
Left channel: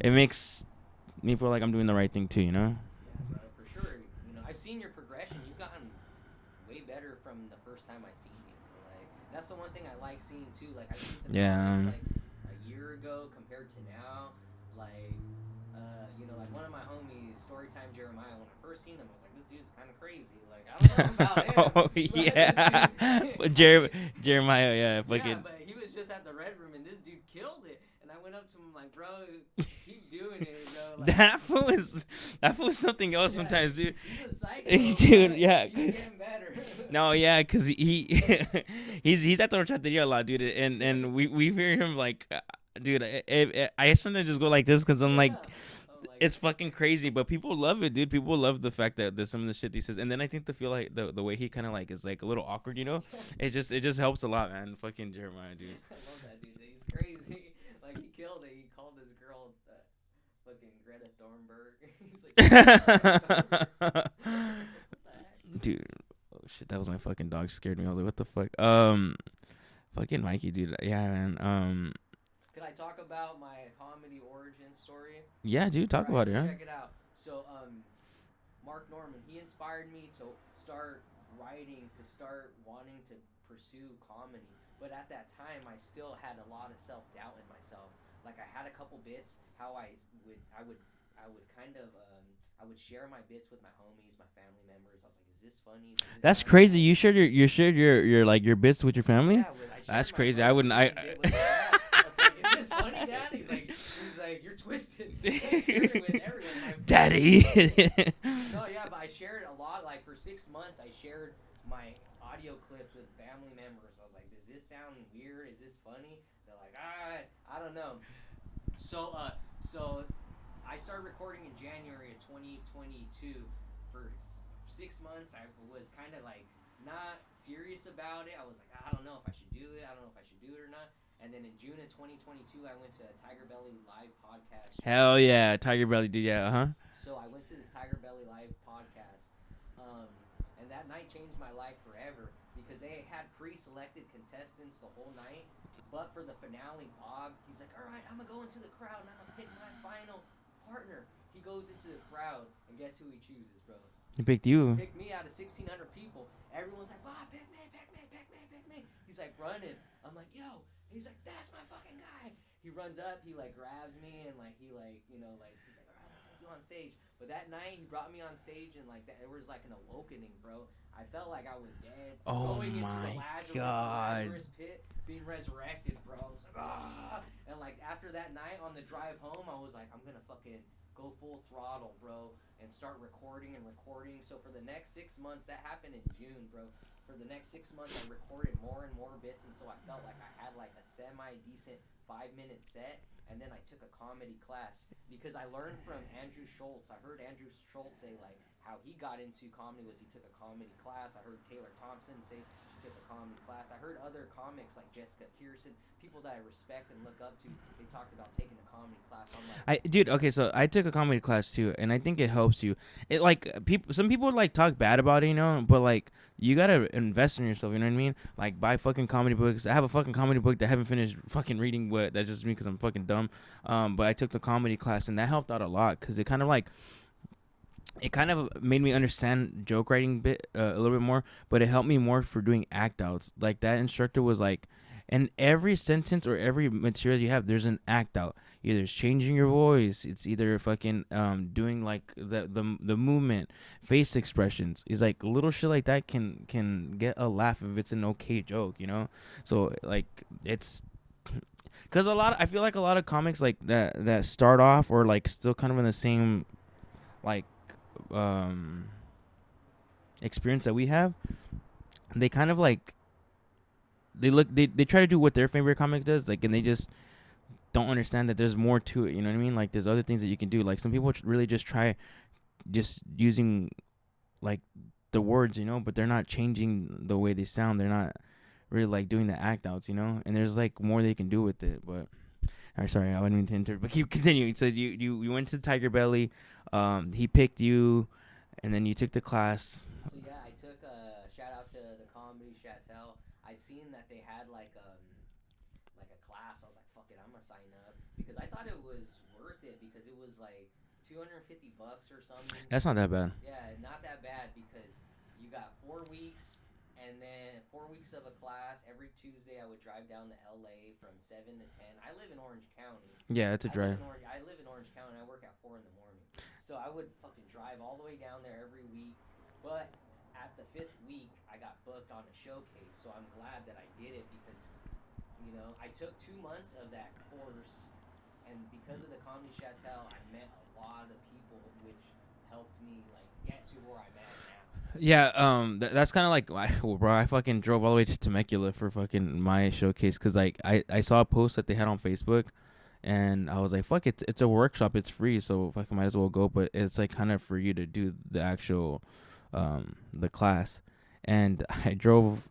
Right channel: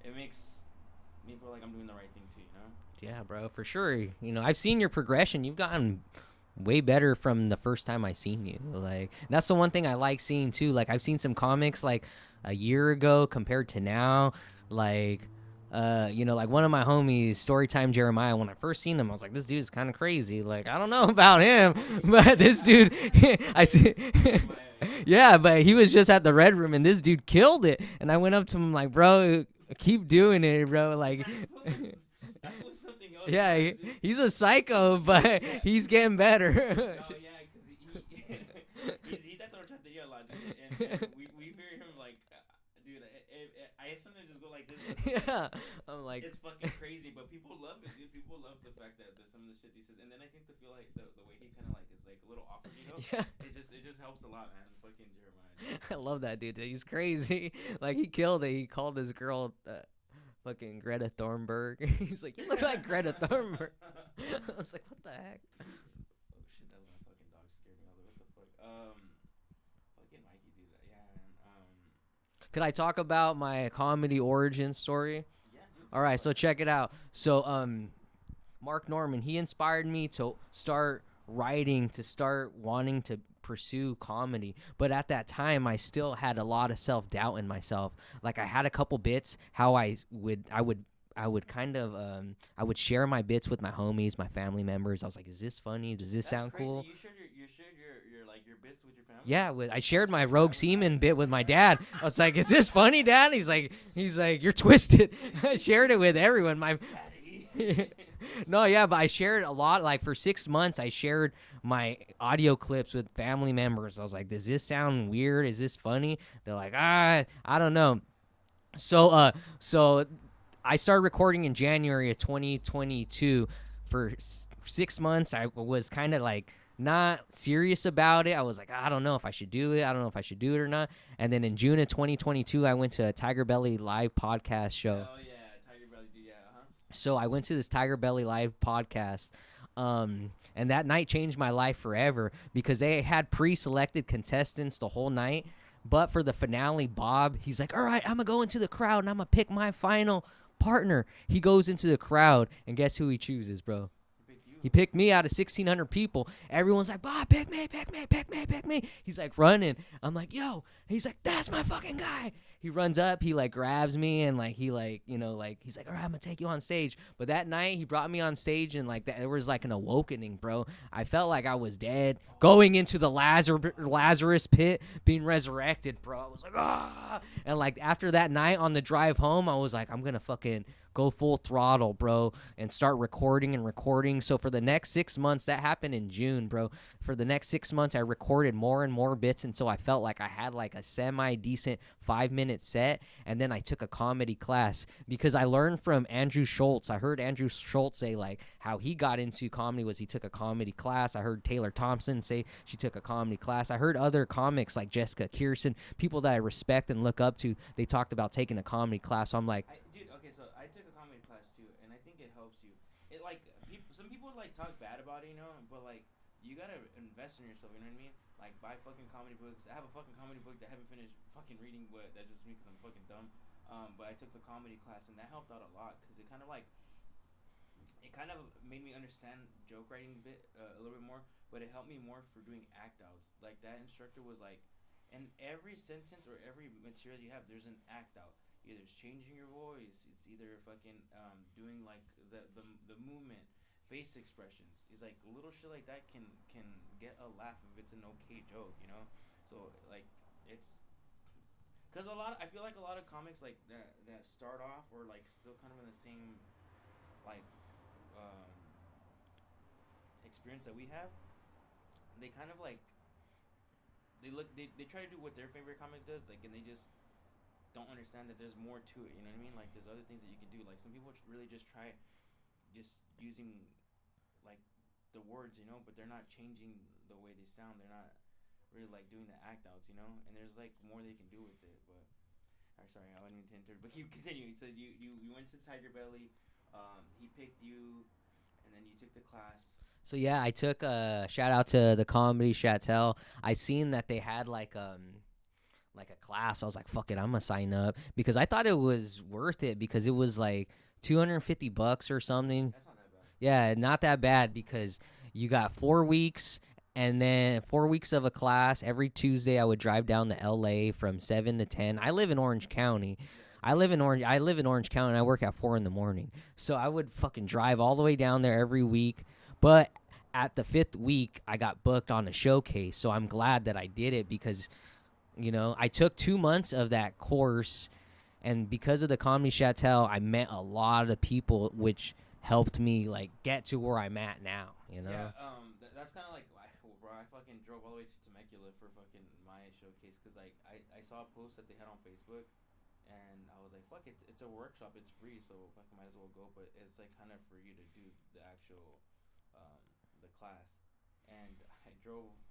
it makes me feel like I'm doing the right thing too, you know. Yeah, bro, for sure. You know, I've seen your progression. You've gotten way better from the first time I seen you. Like that's the one thing I like seeing too. Like I've seen some comics like a year ago compared to now. Like you know, like one of my homies, Storytime Jeremiah, when I first seen him, I was like, this dude's kind of crazy. Like, I don't know about him. But this dude. Jeremiah, yeah. Yeah, but he was just at the Red Rüm, and this dude killed it. And I went up to him like, bro, keep doing it, bro. Like that fool was something else sometimes, dude. He's a psycho, Dude, but yeah. he's getting better. No, yeah, because he's at the horchateria a lot, dude. And we hear him like... dude, I sometimes just go like this because I'm like, it's fucking crazy. But people love it, dude. People love the fact that there's some of the shit he says. And then I think feel like the way he kind of like is like a little awkward, you know? Yeah. It just helps a lot, man. Fucking Jeremiah, dude. I love that dude. He's crazy. Like, he killed it. He called this girl fucking Greta Thunberg. He's like, Greta Thunberg. I was like, what the heck? Dude, oh shit, that was my fucking dog. Scared me. I was like, what the fuck? Fucking Mikey, dude. Yeah, man. Could I talk about my comedy origin story? Yeah, dude. Talk about it. All right, so check it out. So, Mark Norman, he inspired me to start writing, to start wanting to pursue comedy. But at that time, I still had a lot of self-doubt in myself. Like, I had a couple bits how I would kind of I would share my bits with my homies, my family members. I was like, "Is this funny? Does this?" That's sound crazy. Cool? You shared your like your bits with your family. Yeah, I shared my rope semen bit with my dad. I was like, "Is this funny, Dad?" He's like, "You're twisted." I shared it with everyone. My daddy. No, yeah, but I shared a lot. Like for 6 months, I shared my audio clips with family members. I was like, "Does this sound weird? Is this funny?" They're like, I don't know." So I started recording in January of 2022. For 6 months, I was kind of like not serious about it. I was like, I don't know if I should do it. I don't know if I should do it or not. And then in June of 2022, I went to a Tiger Belly live podcast show. Hell yeah, Tiger Belly, dude. Yeah, uh-huh. So I went to this Tiger Belly live podcast. And that night changed my life forever because they had pre-selected contestants the whole night. But for the finale, Bob, he's like, all right, I'm going to go into the crowd and I'm going to pick my final partner. He goes into the crowd, and guess who he chooses, bro? He picked you. He picked me out of 1,600 people. Everyone's like, Bob, pick me. He's like running. I'm like, yo. He's like, that's my fucking guy. He runs up, he like grabs me, and like he like, you know, like he's like, all right, I'm gonna take you on stage. But that night he brought me on stage, and like there was like an awakening, bro. I felt like I was dead, going into the Lazarus pit, being resurrected, bro. I was like, ah. And like after that night on the drive home, I was like, I'm gonna fucking go full throttle, bro, and start recording. So for the next 6 months, that happened in June, bro. For the next 6 months, I recorded more and more bits until I felt like I had like a semi-decent 5-minute set. And then I took a comedy class because I learned from Andrew Schultz. I heard Andrew Schultz say like how he got into comedy was he took a comedy class. I heard Taylor Thompson say she took a comedy class. I heard other comics like Jessica Kirsten, people that I respect and look up to, they talked about taking a comedy class. So I'm like, dude, okay, so I took a comedy class too, and I think it helps you. It like some people like talk bad about it, you know, but like you gotta invest in yourself, you know what I mean? Like buy fucking comedy books. I have a fucking comedy book that I haven't finished fucking reading. What that's just me because I'm fucking dumb. But I took the comedy class, and that helped out a lot because it kind of made me understand joke writing a little bit more, but it helped me more for doing act outs. Like that instructor was like, in every sentence or every material you have, there's an act out. Either it's changing your voice, it's either fucking doing like the movement, face expressions. It's like little shit like that can get a laugh if it's an okay joke, you know. So like it's because I feel like a lot of comics like that start off or like still kind of in the same like experience that we have. They kind of like they try to do what their favorite comic does, like, and they just don't understand that there's more to it, you know what I mean? Like there's other things that you can do. Like some people really just try just using like the words, you know, but they're not changing the way they sound. They're not really like doing the act outs, you know, and there's like more they can do with it. But all right, sorry, I wouldn't mean to interrupt, but keep continuing. So you went to Tiger Belly, he picked you, and then you took the class. So yeah, I took a shout out to the Comedy Chatel. I seen that they had like a class. I was like, fuck it, I'm gonna sign up because I thought it was worth it because it was like $250 or something. That's not that bad. Yeah, not that bad because you got 4 weeks And then 4 weeks of a class. Every Tuesday, I would drive down to LA from 7 to 10. I live in Orange County. Yeah, it's I live in Orange County, and I work at 4 in the morning. So I would fucking drive all the way down there every week. But at the 5th week, I got booked on a showcase. So I'm glad that I did it because, you know, I took 2 months of that course. And because of the Comedy Chateau, I met a lot of people, which helped me, like, get to where I'm at now. Yeah, that's kind of like, bro, I fucking drove all the way to Temecula for fucking my showcase because, like, I saw a post that they had on Facebook, and I was like, fuck, it's a workshop, it's free, so fucking might as well go, but it's, like, kind of for you to do the actual, the class, and I drove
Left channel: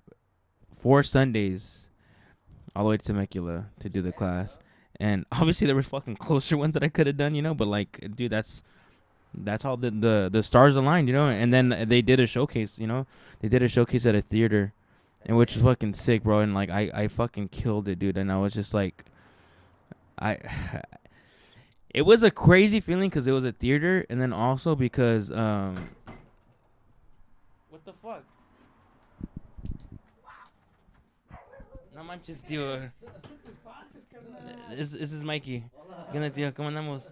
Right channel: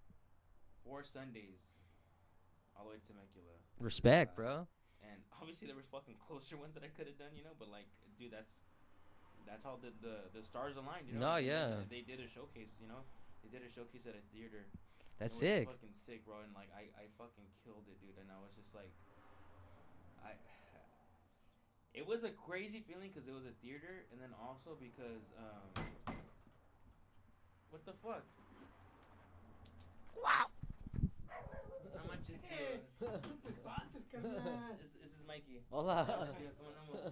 4 Sundays all the way to Temecula to do the class, bro. And obviously there were fucking closer ones that I could have done, you know, but, like, dude, that's how the stars aligned, you know. And then they did a showcase, you know. They did a showcase at a theater, and which is fucking sick, bro. And like I fucking killed it, dude. And I was just like, it was a crazy feeling because it was a theater, and then also because what the fuck? Wow. No manches, tío. This is Mikey. Hola. ¿Qué onda, tío? ¿Cómo andamos?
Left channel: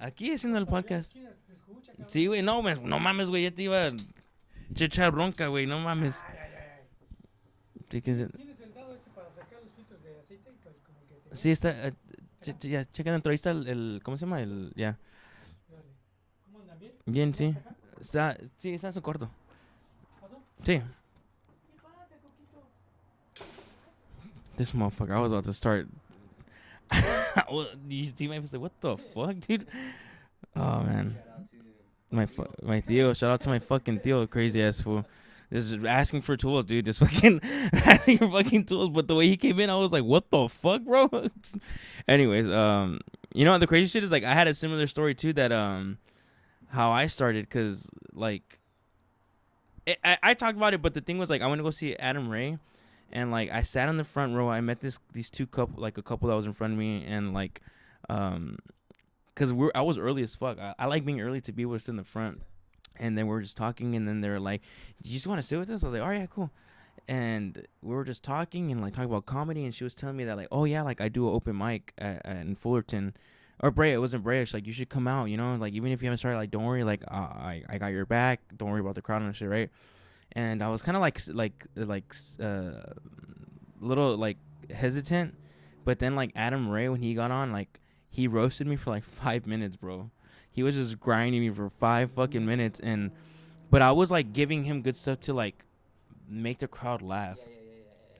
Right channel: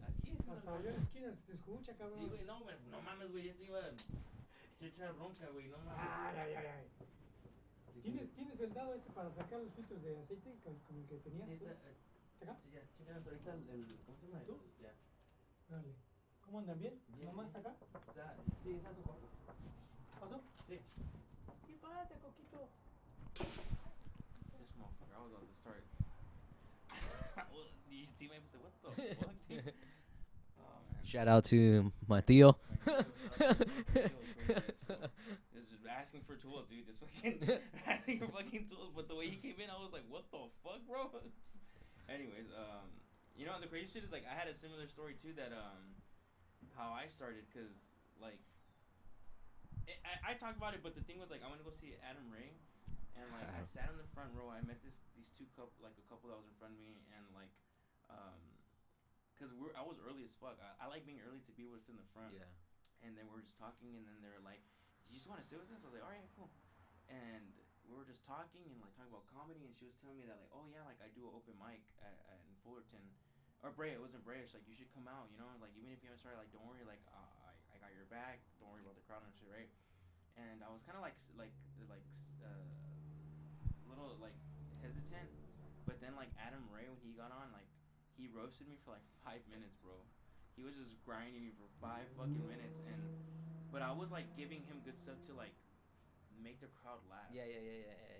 Aquí haciendo el podcast. Sí, güey, no mames, güey, ya te iba a echar bronca, güey, no mames. ¿Tienes el dado ese para sacar los filtros de aceite? Sí, está, ya, chequen dentro, ahí está el, ¿cómo se llama? Ya. ¿Cómo andan, bien? Bien, sí. Está en su cuarto. ¿Pasó? Sí. This motherfucker, I was about to start. You see my face like, what the fuck, dude? Oh, man. Shout out to my tío. My tío. Shout out to my fucking tío, crazy ass fool. This is asking for tools, dude. Just fucking asking for fucking tools. But the way he came in, I was like, what the fuck, bro? Anyways, you know, the crazy shit is, like, I had a similar story, too, that, how I started, because, like, I talked about it, but the thing was, like, I went to go see Adam Ray. And, like, I sat in the front row. I met these two couple, like, a couple that was in front of me. And, like, because I was early as fuck. I like being early to be able to sit in the front. And then we were just talking. And then they were like, do you just want to sit with us? I was like, all right, yeah, cool. And we were just talking and, like, talking about comedy. And she was telling me that, like, oh, yeah, like, I do an open mic in Fullerton. Or Brea. It wasn't Brea. She's like, you should come out, you know? Like, even if you haven't started, like, don't worry. Like, I got your back. Don't worry about the crowd and shit, right? And I was kind of little like hesitant, but then like Adam Ray, when he got on, like he roasted me for like 5 minutes, bro. He was just grinding me for 5 fucking minutes, but I was like giving him good stuff to like make the crowd laugh. Yeah.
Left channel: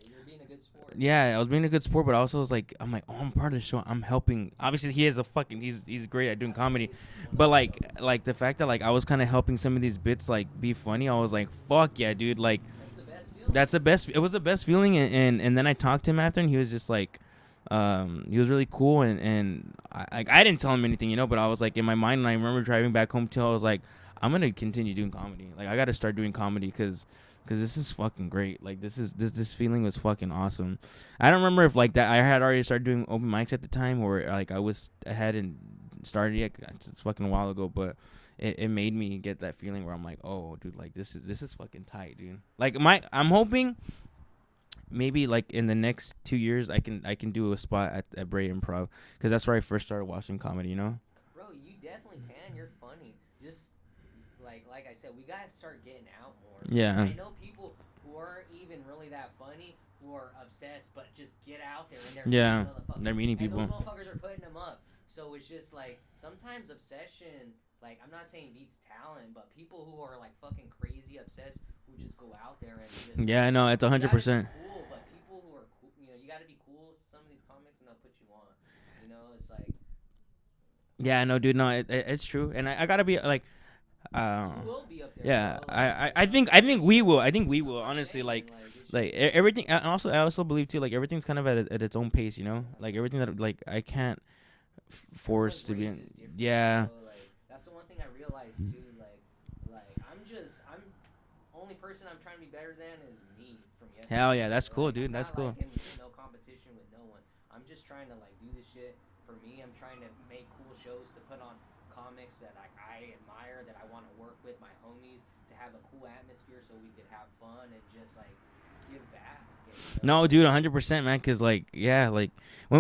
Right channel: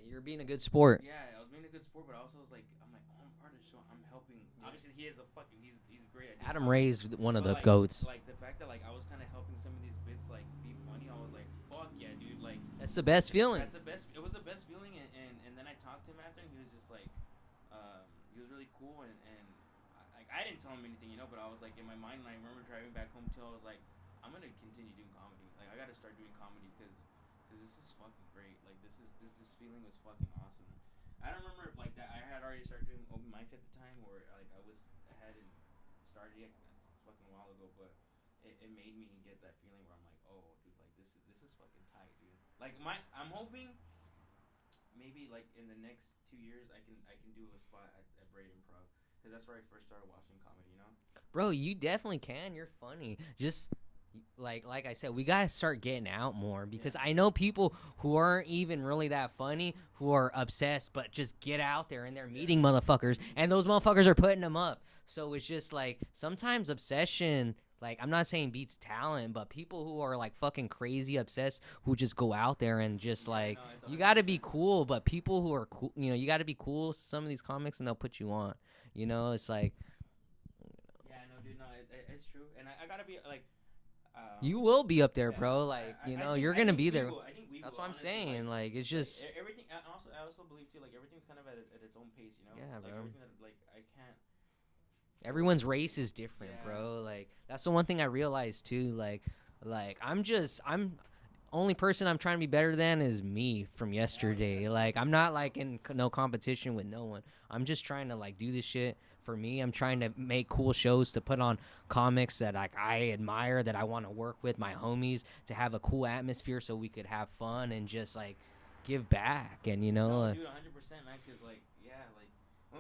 You're being a good sport. Yeah, I was being a good sport, but also was like, I'm like, oh, I'm part of the show. I'm helping. Obviously, he is he's great at doing Adam comedy. Ray's one of but the like, goats. like the fact that like I was kind of helping some of these bits like be funny. I was like, fuck yeah, dude. Like that's the best feeling. That's the best. It was the best feeling, and then I talked to him after, and he was just like, he was really cool, and I didn't tell him anything, you know, but I was like in my mind, and I remember driving back home too. I was like, I'm gonna continue doing comedy. Like I got to start doing comedy because this is fucking great. Like this feeling was fucking awesome. I don't remember if like that I had already started doing open mics at the time, or like I hadn't started yet. It's fucking a while ago, but it made me get that feeling where I'm like, oh, dude, like this is fucking tight, dude. Like I'm hoping maybe like in the next 2 years I can do a spot at Brea Improv, because that's where I first started watching comedy, you know. Bro, you definitely can. You're funny. Just like I said, we gotta start getting out more. Yeah. I know people who aren't even really that funny, who are obsessed, but just get out there and they're meeting motherfuckers. They're meeting and people. Those motherfuckers are putting them up. So it's just like sometimes obsession. Like, I'm not saying beats talent, but people who are, like, fucking crazy obsessed who just go out there and just, yeah, like, no, it's 100%. You gotta be cool, but people who are cool, you know, you gotta be cool, some of these comics, and they'll put you on. You know, it's like. Yeah, no, dude, no, it's true. And I gotta be, like. You will be up there, yeah, bro. Like, I think we will. I think we will, honestly. Like, it's just, everything. And also, I also believe, too, like, everything's kind of at its own pace, you know? Yeah, like, bro. everything that, like, I can't force. Everyone's race is different. Yeah. Bro. Like, that's the one thing I realized too. Like I'm only person I'm trying to be better than is me from yesterday. Hell yeah, that's like, cool, dude. I'm not that's like cool. in no competition with no one. I'm just trying to like do this shit for me. I'm trying to make cool shows to put on comics that like I admire, that I want to work with my homies, to have a cool atmosphere so we could have fun and just like give back. And you know, no, like, dude, 100%, man. Cause like, yeah, like,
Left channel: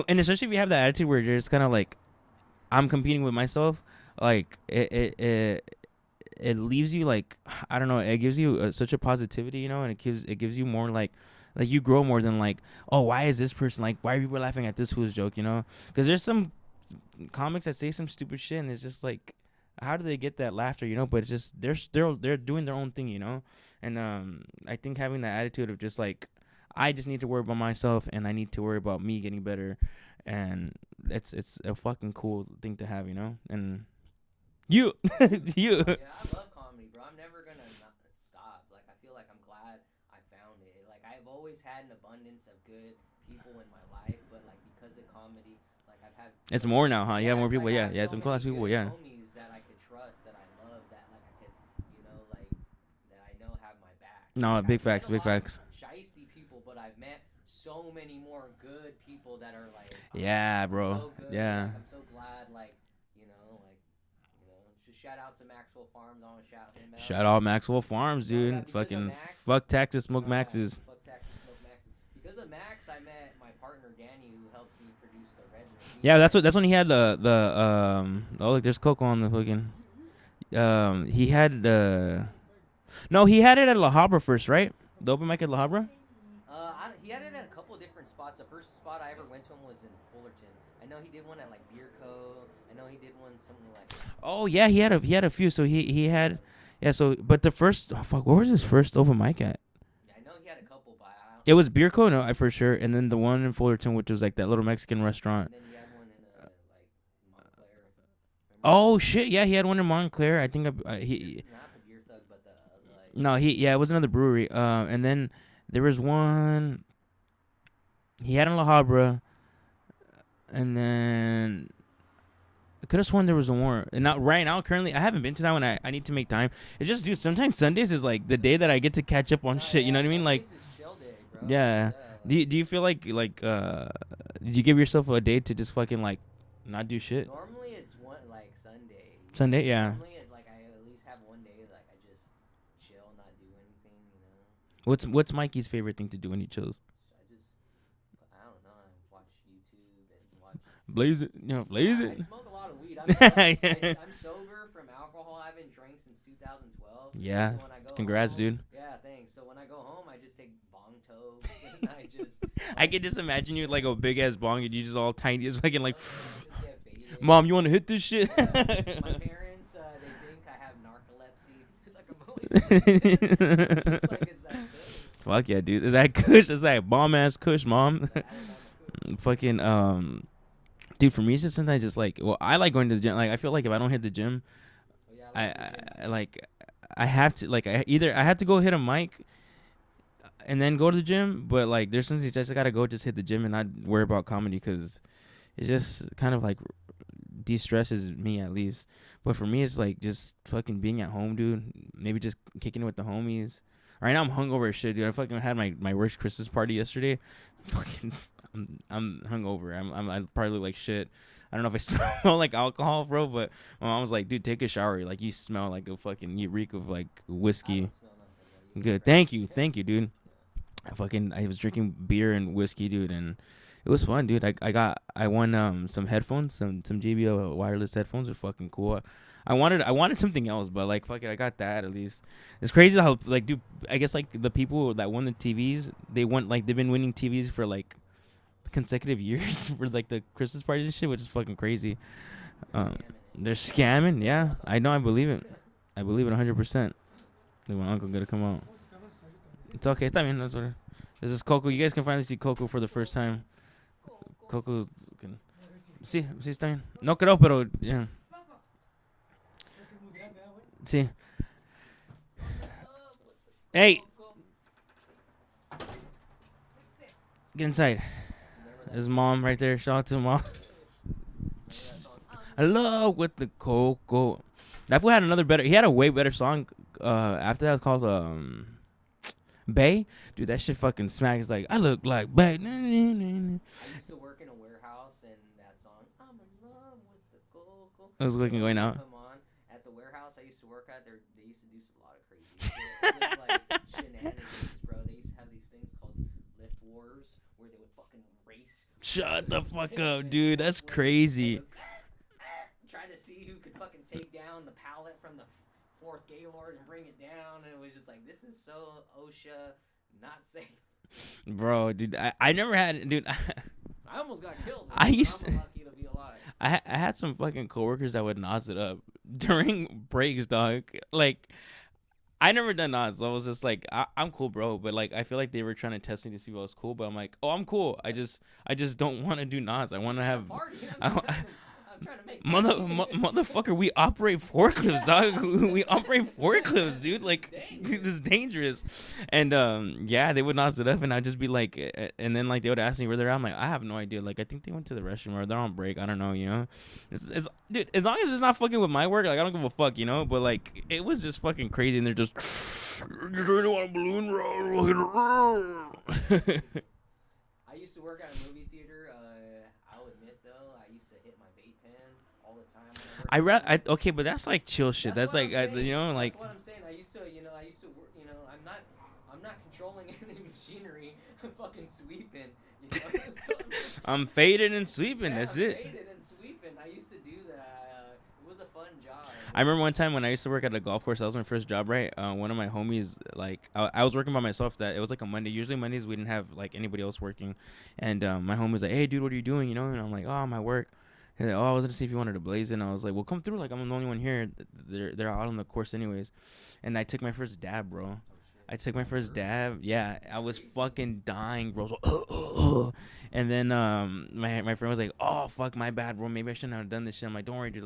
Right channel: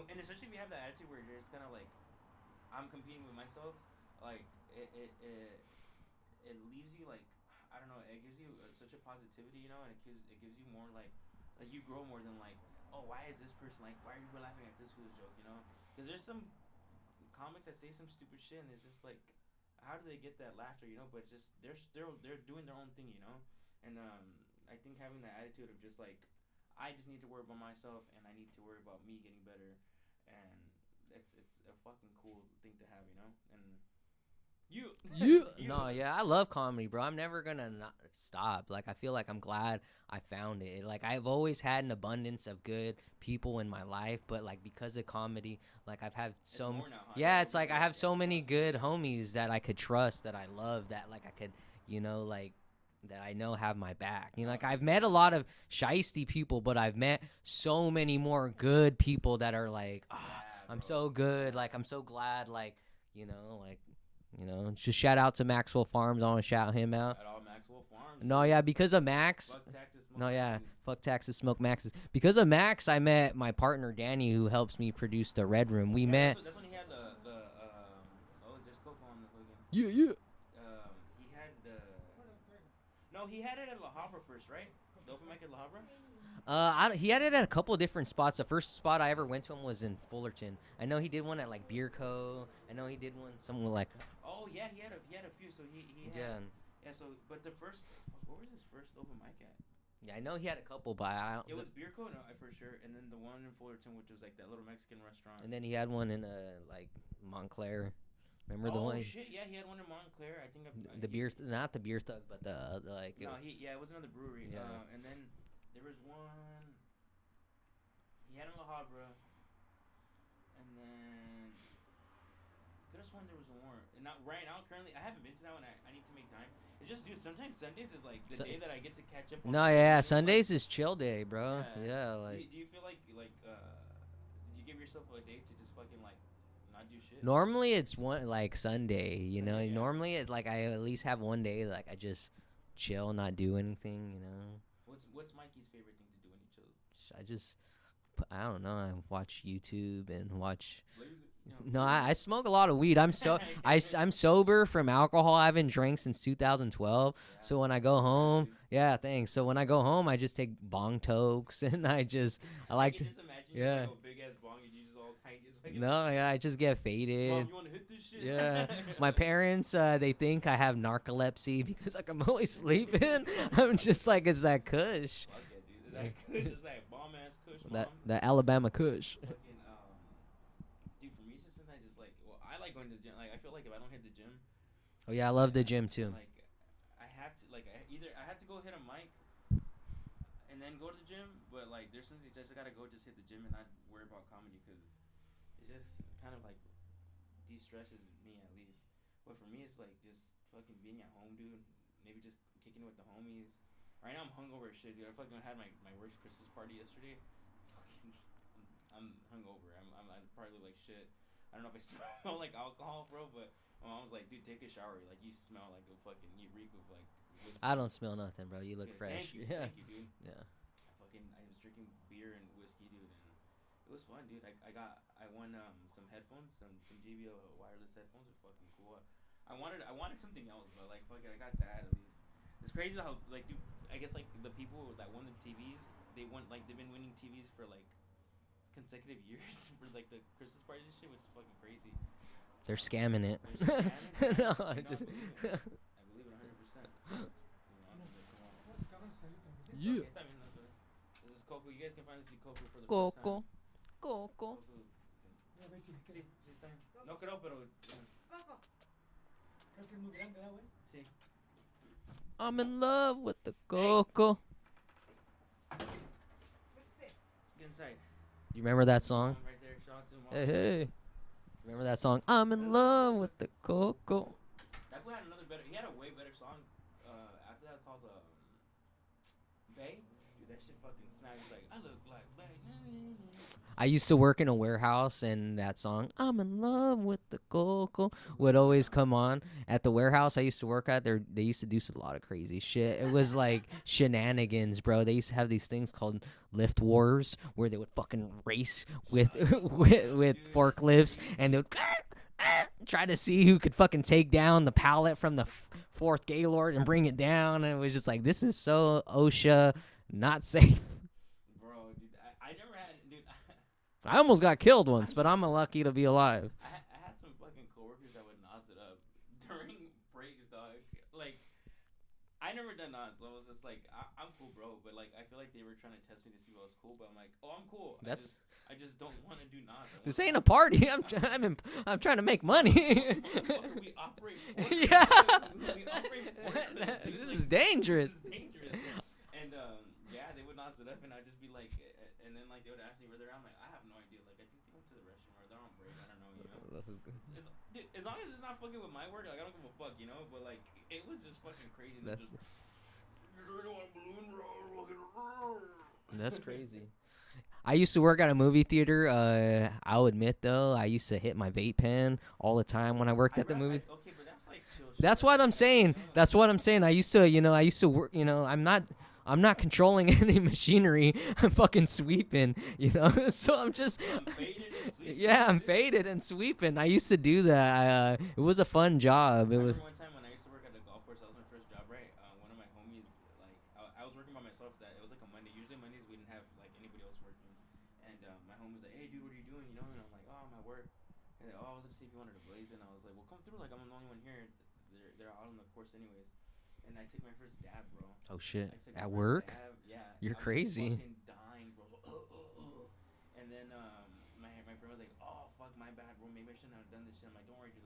and especially if you have that attitude where you're just kind of like, I'm competing with myself. Like it leaves you like, I don't know. It gives you such a positivity, you know, and it gives you more like you grow more than like, oh, why is this person like, why are people laughing at this fool's joke, you know? Because there's some comics that say some stupid shit, and it's just like, how do they get that laughter, you know? But it's just they're doing their own thing, you know. And I think having that attitude of just like, I just need to worry about myself, and I need to worry about me getting better, and it's a fucking cool thing to have, you know. And you. Oh, yeah, I love comedy, bro. I'm never gonna not stop. Like, I feel like I'm glad I found it. Like, I've always had an abundance of good people in my life, but like because of comedy, like I've had it's more now, huh? Yeah, more people. Like, yeah, I have yeah, so some many class good people. Yeah, homies that I could trust, that I love, that like I could, you know, like that I know have my back. No, like, big I've facts. met a Big lot facts. of shiesty people, but I've met so many more good people that are like, Yeah, bro. I'm so good. Yeah. Like, I'm so glad. Like, you know, just shout out to Maxwell Farms. I want to shout him out. Shout out Maxwell Farms, No, dude. yeah, because of Fucking Max. Fuck Texas, smoke No, yeah, Maxes. fuck Texas, smoke Maxes. Because of Max, I met my partner Danny, who helps me produce the Red Rüm. That's when he had the oh, look, there's Coco on the fucking. Yeah. He had no, he had it at La Habra first, right? The open mic at La Habra. He had it at a couple of different spots. The first spot I ever went to him was in Fullerton. I know he did one at like Beer Co. I know he did one somewhere like. Oh yeah, he had a few. So he had So but the first where was his first open mic at? Yeah, I know he had a couple, but I don't. It was Beer Co. No, for sure. And then the one in Fullerton, which was like that little Mexican restaurant. And then he had one in like Montclair. Remember Oh shit! Yeah, he had one in Montclair. I think he not the Beer Thug, but the like. No, it was another brewery. And then there was one he had in La Habra, and then I could have sworn there was more. And now, right now, currently, I haven't been to that one. I need to make time. It's just, dude, sometimes Sundays is like the day that I get to catch up on shit. Yeah, you know what I mean? Like, Sundays is chill day, bro. Yeah. Like, do you feel like did you give yourself a day to just fucking like not do shit? normally it's one like Sunday. You Sunday, know? yeah. Normally it's like I at least have one day like I just chill, not do anything. You know. What's Mikey's favorite thing to do when he chills? I don't know. I watch YouTube and watch. Blaze it. I smoke a lot of weed. I'm I'm sober from alcohol. I haven't drank since 2012. Yeah. So when I go Congrats, home, dude. Yeah, thanks. So when I go home, I just take bong tokes and I I could just imagine you like a big ass bong and you just all tiny, just fucking like. Oh yeah, I just get faded. Mom, you want to hit this shit? Yeah. My parents, they think I have narcolepsy because like I'm always sleeping. I'm just like, it's that kush. Fuck yeah, dude. Is that kush? Is that bomb ass kush, mom? That Alabama kush. Fucking dude, for me it's just sometimes just like, well, I like going to the gym. Like I feel like if I don't hit the gym, oh yeah, I love the gym too. I have to like I have to go hit a mic and then go to the gym, but like there's something just I gotta go just hit the gym and not worry about comedy because it just kind of like de-stresses me at least. But for me it's like just fucking being at home, dude. Maybe just kicking it with the homies. Right now I'm hungover as shit, dude. I fucking had my worst Christmas party yesterday. Fucking I'm hungover. I probably look like shit. I don't know if I smell like alcohol, bro, but my mom was like, dude, take a shower. Like, you smell like a fucking, you reek of like whiskey. I don't smell nothing, bro. You good. fresh. Thank you. Yeah. Thank you, dude. Yeah. I was drinking beer and whiskey, dude, and it was fun, dude. I won some headphones, some JBL wireless headphones are fucking cool. I wanted something else, but like fuck it, I got that at least. It's crazy how like, dude, I guess like the people that won the TVs, they've been winning TVs for like consecutive years for like the Christmas parties and shit, which is fucking crazy. They're scamming it. They're scamming, yeah. I know, I believe it. I believe it 100%. My uncle gonna come out. It's okay. Está bien. This is Coco. You guys can finally see Coco for the first time. Coco can. Sí, está bien. No creo, pero yeah. Sí. I'm in love with the Hey. Coco. Get inside. You remember that His song? mom right there. Shout out to mom. Hey. Remember that song? I'm in love with the Coco. That fool had another better. He had a way better song. After that, it's called Bay, dude, that shit fucking smacks. Like, I look like Bay. I used to work in a warehouse, and that song "I'm in Love with the Coco" That would always come on at the warehouse I used to work at. They used to do a lot of crazy shit. It was like shenanigans, bro. They used to have these things called lift wars where they would fucking race. Shut the fuck up, dude. That's crazy. And they would try to see who could fucking take down the pallet from the fourth Gaylord and bring it down. And it was just like, this is so OSHA not safe. Bro, dude, I never had, dude. I almost got killed once, but I'm lucky to be alive. I had some fucking coworkers that would nos it up during breaks, dog. Like, I never done nos, so I was just like, I'm cool, bro. But like, I feel like they were trying to test me to see if I was cool. But I'm like, oh, I'm cool. I just don't want to do nos. I want to have a party. I'm trying to make money. Motherfucker, we operate forklifts, dog. We operate forklifts, dude. Like, it's dangerous. Dude, it's dangerous. And yeah, they would nos it up, and I'd just be like, and then like they would ask me where they're at. I'm like, I have no idea. Like, I think they went to the restroom or they're on break. I don't know. You know, it's dude. As long as it's not fucking with my work, like I don't give a fuck. You know. But like, it was just fucking crazy, and they're just. You really want a balloon roll? That's crazy. I used to work at a movie theater. I'll admit though, I used to hit my vape pen all the time when I worked. Okay, but that's like chill shit. That's what like, I'm saying. That's what I'm saying. I used to work. I'm not controlling any machinery. I'm fucking sweeping, So I'm faded and sweeping. Yeah, I'm faded and sweeping. I used to do that. It was a fun job. I remember one time when I used to work at a golf course. That was my first job, right? One of my homies, like, I was working by myself. That it was like a Monday. Usually Mondays we didn't have like anybody else working, and my homie was like, "Hey, dude, what are you doing?" And I'm like, "Oh, I'm at work." He's like, "Oh, I was gonna see if you wanted to blaze it." And I was like, "Well, come through. Like, I'm the only one here. They're out on the course anyways." And I took my first dab, bro. Oh shit! I took my first dab. Yeah, You're I was crazy. fucking dying, bro. So, and then my friend was like, "Oh fuck, my bad, bro. Maybe I shouldn't have done this shit." I'm like, "Don't worry, dude.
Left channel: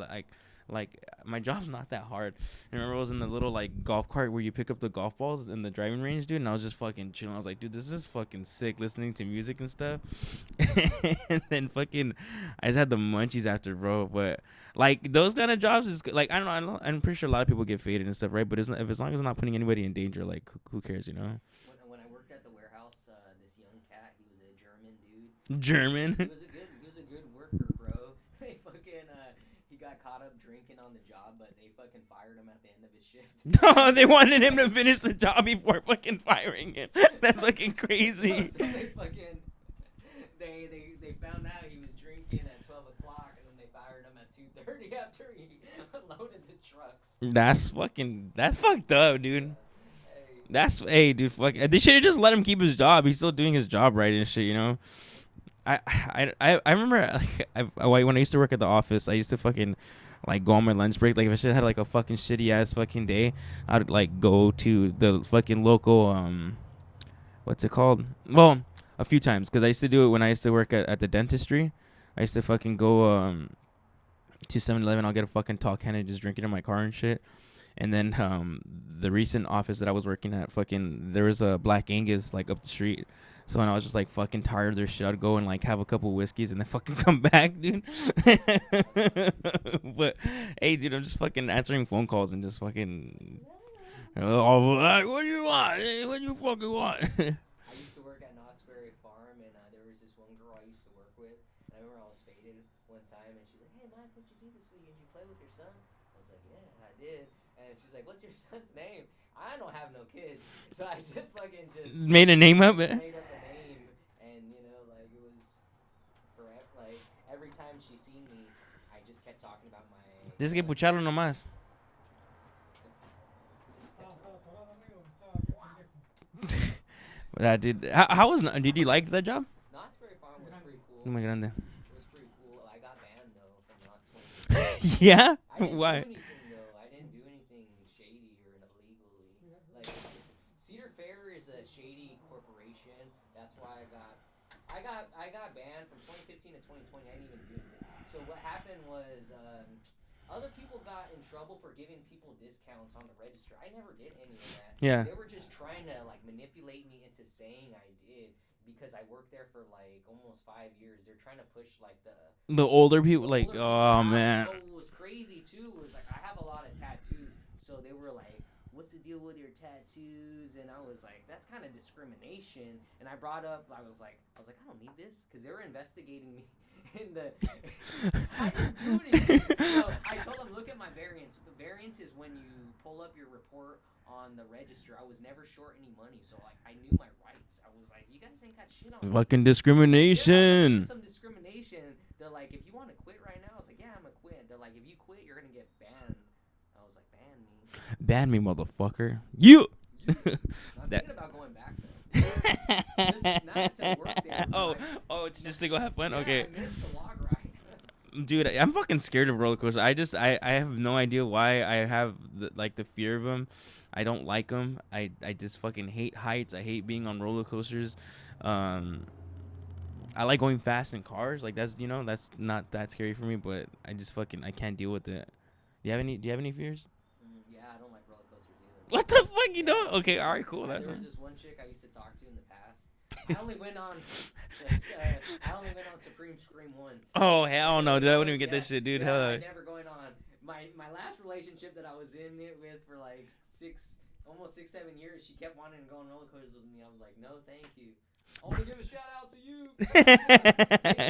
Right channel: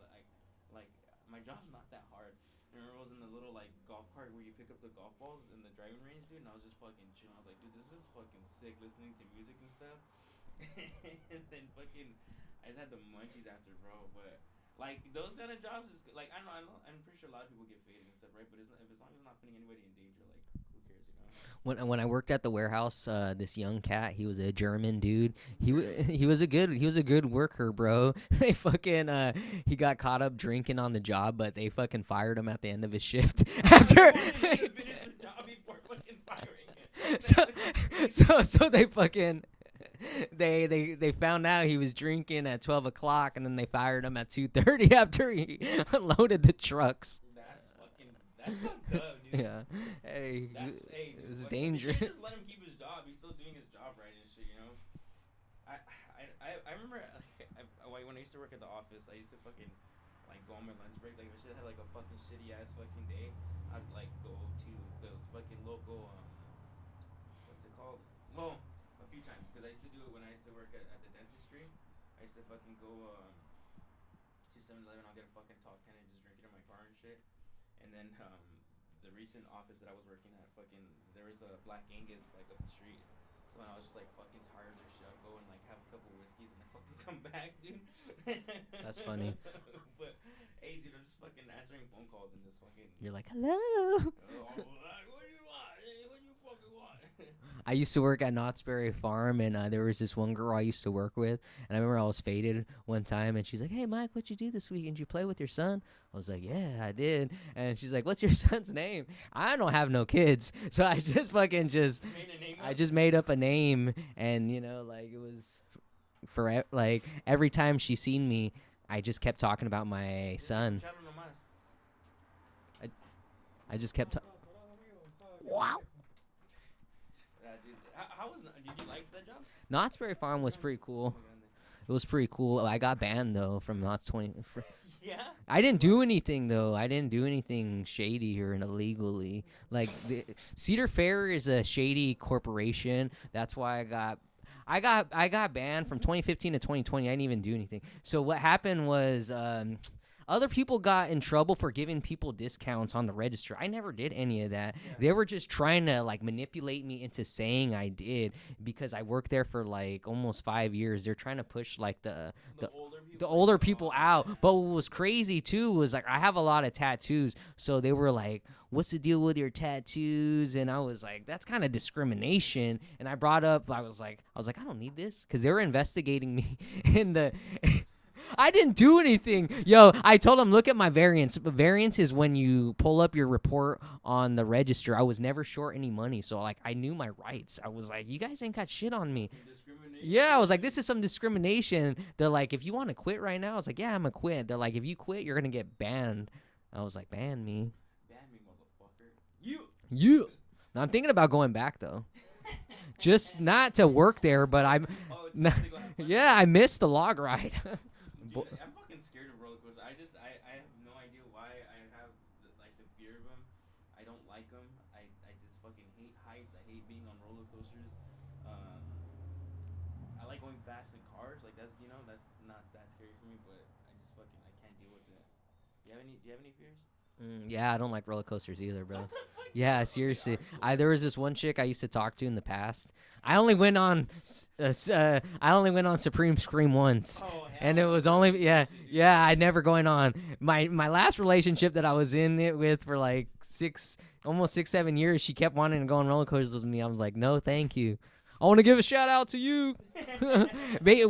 Like my job's not that hard." And I remember I was in the little like golf cart where you pick up the golf balls in the driving range, dude. And I was just fucking chilling. I was like, "Dude, this is fucking sick." Listening to music and stuff. And then fucking, I just had the munchies after, bro. But like those kind of jobs is like I don't know. I'm pretty sure a lot of people get faded and stuff, right? But it's not, if as long as it's not putting anybody in danger, like who cares, you know? When I worked at the warehouse, this young cat, he was a German dude. German. He was a good worker, bro. They fucking he got caught up drinking on the job, but they fucking fired him at the end of his shift. Oh, they wanted him to finish the job before fucking firing him. That's fucking crazy. So they fucking. They found out he was drinking at 12 o'clock, and then they fired him at 2:30 after he unloaded the trucks. That's fucked up, dude. Yeah. Hey, dude. Fuck. They should have just let him keep his job. He's still doing his job right and shit, you know. I remember like when I used to work at the office, I used to fucking like go on my lunch break. Like if I should had like a fucking shitty ass fucking day, I'd like go to the fucking local what's it called? Well. A few times, because I used to do it when I used to work at the dentistry. I used to fucking go to 7-Eleven. I'll get a fucking tall can and just drink it in my car and shit. And then the recent office that I was working at, fucking there was a Black Angus like up the street. So when I was just like fucking tired of their shit, I'd go and like have a couple whiskeys and then fucking come back, dude. That's funny. But hey, dude, I'm just fucking answering phone calls and just fucking. You're like, hello. What do you want? What do you fucking want? I used to work at Knott's Berry Farm, and there was this one girl I used to work with, and I remember I was faded one time, and she's like, "Hey, Mike, what'd you do this week? Did you play with your son?" I was like, "Yeah, I did." And she's like, "What's your son's name?" I don't have no kids, so I just fucking made a name up. Just made up a name, and like it was for like every time she seen me, I just kept talking about my son. Que pucharlo nomás. I just kept. Wow. Dude, how was? Did you like that job? Knott's Berry Farm was pretty cool. Oh my god, it was pretty cool. I got banned though from Knott's 20. Yeah, I didn't do anything though. I didn't do anything shady or illegally. Like Cedar Fair is a shady corporation. That's why I got banned from 2015 to 2020. I didn't even do anything. So what happened was. Other people got in trouble for giving people discounts on the register. I never did any of that. Yeah. They were just trying to like manipulate me into saying I did because I worked there for like almost 5 years. They're trying to push like the older people, out. Man. But what was crazy too was like I have a lot of tattoos, so they were like, what's the deal with your tattoos? And I was like, that's kind of discrimination. And I brought up, I was like, I don't need this, because they were investigating me in the. I didn't do anything. Yo, I told them, look at my variance. Variance is when you pull up your report on the register. I was never short any money, so like I knew my rights. I was like, you guys ain't got shit on me. Fucking discrimination. Yeah, I was like, this is some discrimination. They're like, if you want to quit right now, I was like, yeah, I'm gonna quit. They're like, if you quit, you're gonna get banned. I was like, ban me, motherfucker. You. I'm thinking about going back though, just not to work there, but just to go have fun. Yeah, okay. I missed the log ride. Dude, I'm fucking scared of roller coasters. I have no idea why I have the fear of them. I don't like them. I just fucking hate heights. I hate being on roller coasters. I like going fast in cars. Like that's not that scary for me. But I can't deal with it. Do you have any fears? Yeah, I don't like roller coasters either. Bro. What the fuck? You yeah, don't? Seriously. Okay, all right, cool. There was this one chick I used to talk to in the past. I only went on Supreme Scream once. Oh hell no! I wouldn't get this shit, dude. Yeah, I never going on. My last relationship that I was in it with for like almost 6-7 years, she kept wanting to go on roller coasters with me. I was like, no, thank you. I want to give a shout out to you.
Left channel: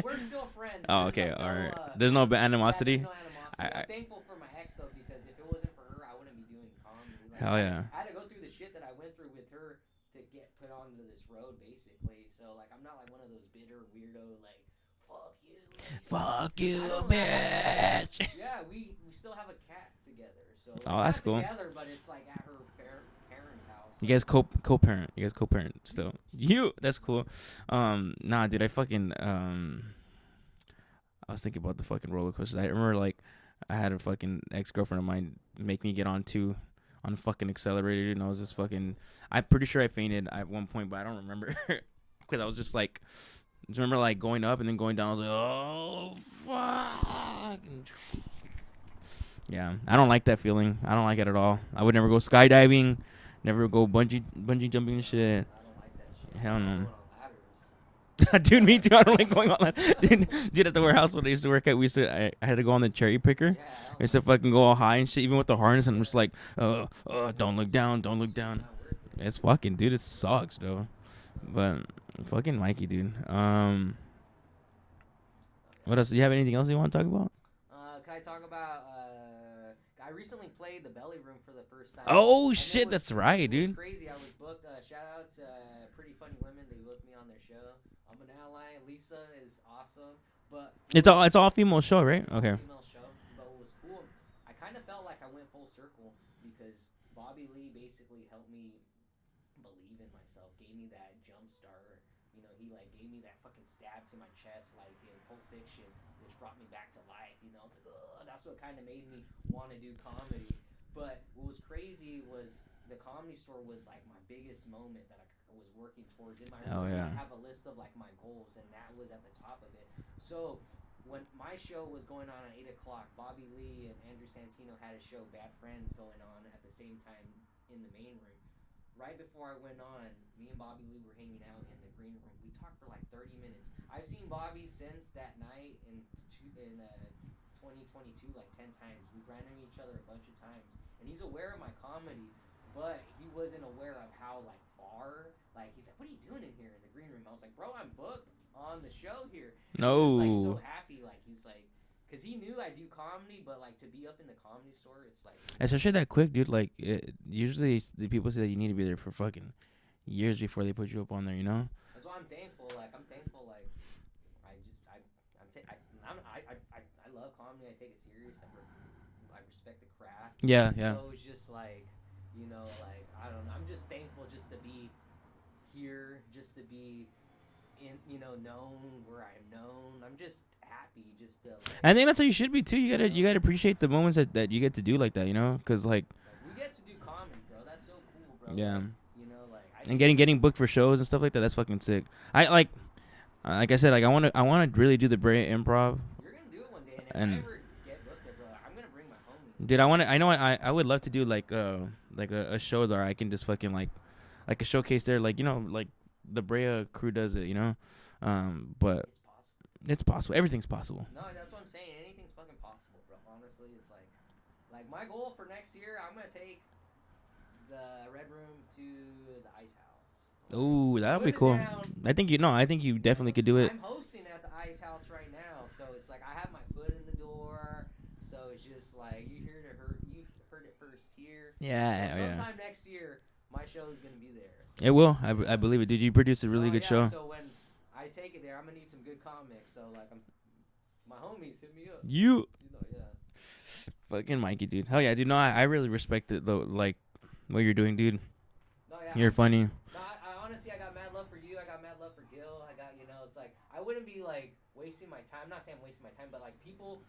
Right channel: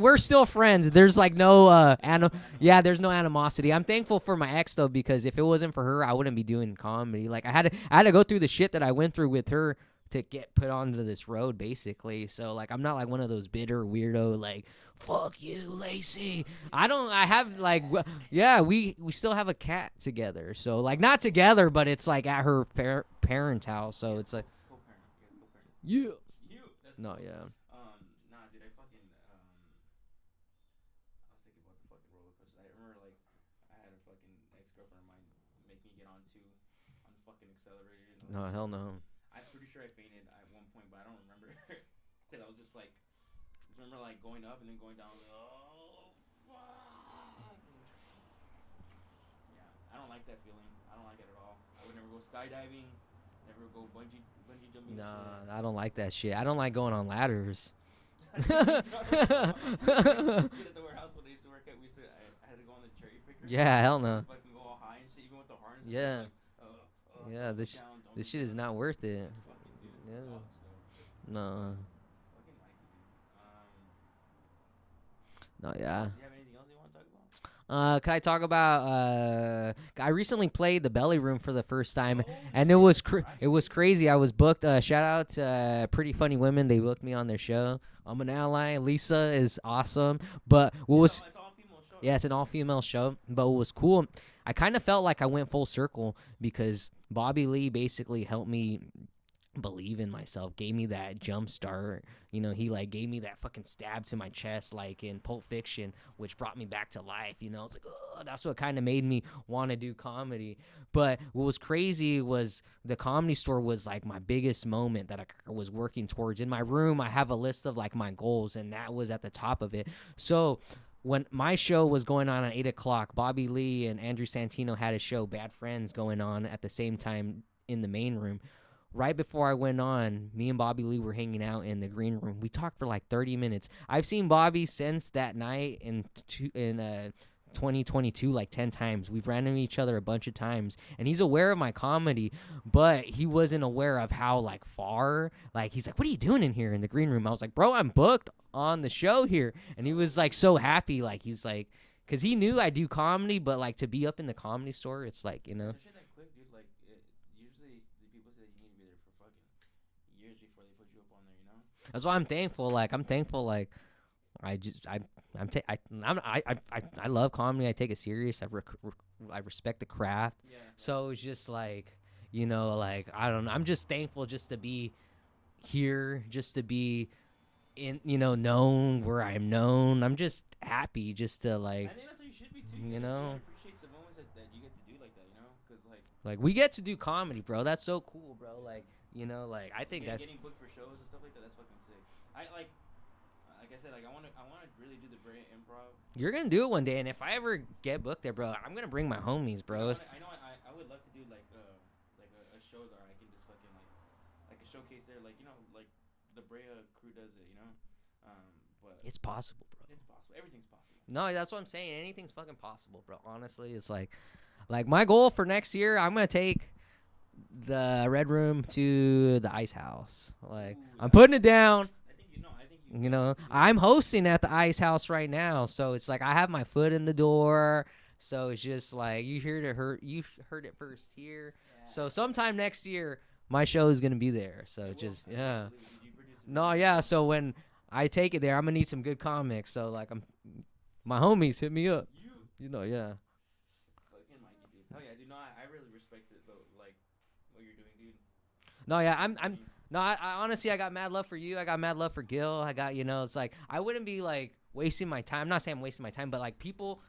We're still friends. There's okay, no there's no animosity. Yeah, there's no animosity. I'm thankful for my ex though, because if it wasn't for her, I wouldn't be doing comedy. Like I had to go through the shit that I went through with her to get put onto this road, basically. So like I'm not like one of those bitter weirdo like fuck you, Lacey. Fuck you. I have like yeah, we still have a cat together. So like not together, but it's like at her parents' house. So you guys co-parent. You guys co-parent. You. That's cool. Yeah. Nah, dude, I fucking I was thinking about the fucking roller coasters. I remember like I had a fucking ex-girlfriend of mine make me get on fucking accelerator, and I was just fucking. No. I'm pretty sure I fainted at one point, but I don't remember because I was just like. Just remember like going up and then going down. I was like, oh fuck. Yeah, I don't like that feeling. I don't like it at all. I would never go skydiving, never go bungee jumping and shit. I don't like that shit. I don't like going on ladders. Dude, me too. I don't like going on ladders. Dude, at the warehouse when I used to work at, I had to go on the cherry picker. Yeah, hell no. I used to fucking go all high and shit, even with the harness, and I'm just like, don't look down, don't look down. It's not worth it. It's fucking, dude. It sucks, though. No. But fucking Mikey, dude. No, yeah. What else? Do you have anything else you want to talk about? Can I talk about? I recently played the Belly Room for the first time. Oh shit! It was that's right. It was crazy. I was booked. Shout out to Pretty Funny Women. They booked me on their show. I'm an ally. Lisa is awesome. But it's all female show, right? Yeah, it's an all female show. But what was cool, I kind of felt like I went full circle because Bobby Lee basically helped me believe in myself, gave me that jump start. You know, he like gave me that fucking stab to my chest like in Pulp Fiction, which brought me back to life. You know, it's like, oh, that's what kind of made me want to do comedy. But what was crazy was the Comedy Store was like my biggest moment that I was working towards. In my room, I have a list of like my goals, and that was at the top of it. So when my show was going on at 8 o'clock, Bobby Lee and Andrew Santino had a show, Bad Friends, going on at the same time in the main room. Right before I went on, me and Bobby Lee were hanging out in the green room. We talked for like 30 minutes. I've seen Bobby since that night in 2022 like 10 times. We've ran into each other a bunch of times, and he's aware of my comedy, but he wasn't aware of how like far. Like he's like, "What are you doing in here in the green room?" I was like, "Bro, I'm booked on the show here." And he was like so happy. Like he's like, because he knew I do comedy, but like to be up in the Comedy Store, it's like, you know. Especially that quick, dude. Like usually the people say that you need to be there for fucking years before they put you up on there. You know. That's why I'm thankful. Like I love comedy. I take it serious. I respect the craft. Yeah. So it's just like, you know, like I don't know. I'm just thankful just to be here, just to be in, you know, known where I'm known. I'm just happy just to like. I think that's how you should be too. You gotta appreciate the moments that you get to do like that, you know, because like we get to do comedy, bro. That's so cool, bro. Yeah. Like, you know, like I think getting booked for shows and stuff like that. That's fucking sick. Like I said, like I want to really do the Brea Improv. You're gonna do it one day, and if I ever get booked there, bro, I'm gonna bring my homies, bro. Dude, I would love to do like a show there. I can just fucking like a showcase there, like, you know, like the Brea crew does it, you know. But it's possible. It's possible. Everything's possible. No, that's what I'm saying. Anything's fucking possible, bro. Honestly, it's like my goal for next year, I'm gonna take the Red Rüm to the Ice House. Like, Ooh, I'm that'd putting be it cool. down. I think you definitely could do it. I'm hosting at the Ice House right now, so it's like I have my foot in the door. So it's just like you heard it first here. Yeah. So sometime next year, my show is gonna be there. So it will. I believe it. Did you produce a really good show? So when I take it there, I'm gonna need some good comics. So like my homies hit me up. Yeah. Fucking Mikey, dude. Hell yeah, dude. No, I really respect it though. Like what you're doing, dude. No, yeah, you're funny. I honestly, I got mad love for you. I got mad love for Gil. I got, it's like I wouldn't be like wasting my time. I'm not saying I'm wasting my time, but like people,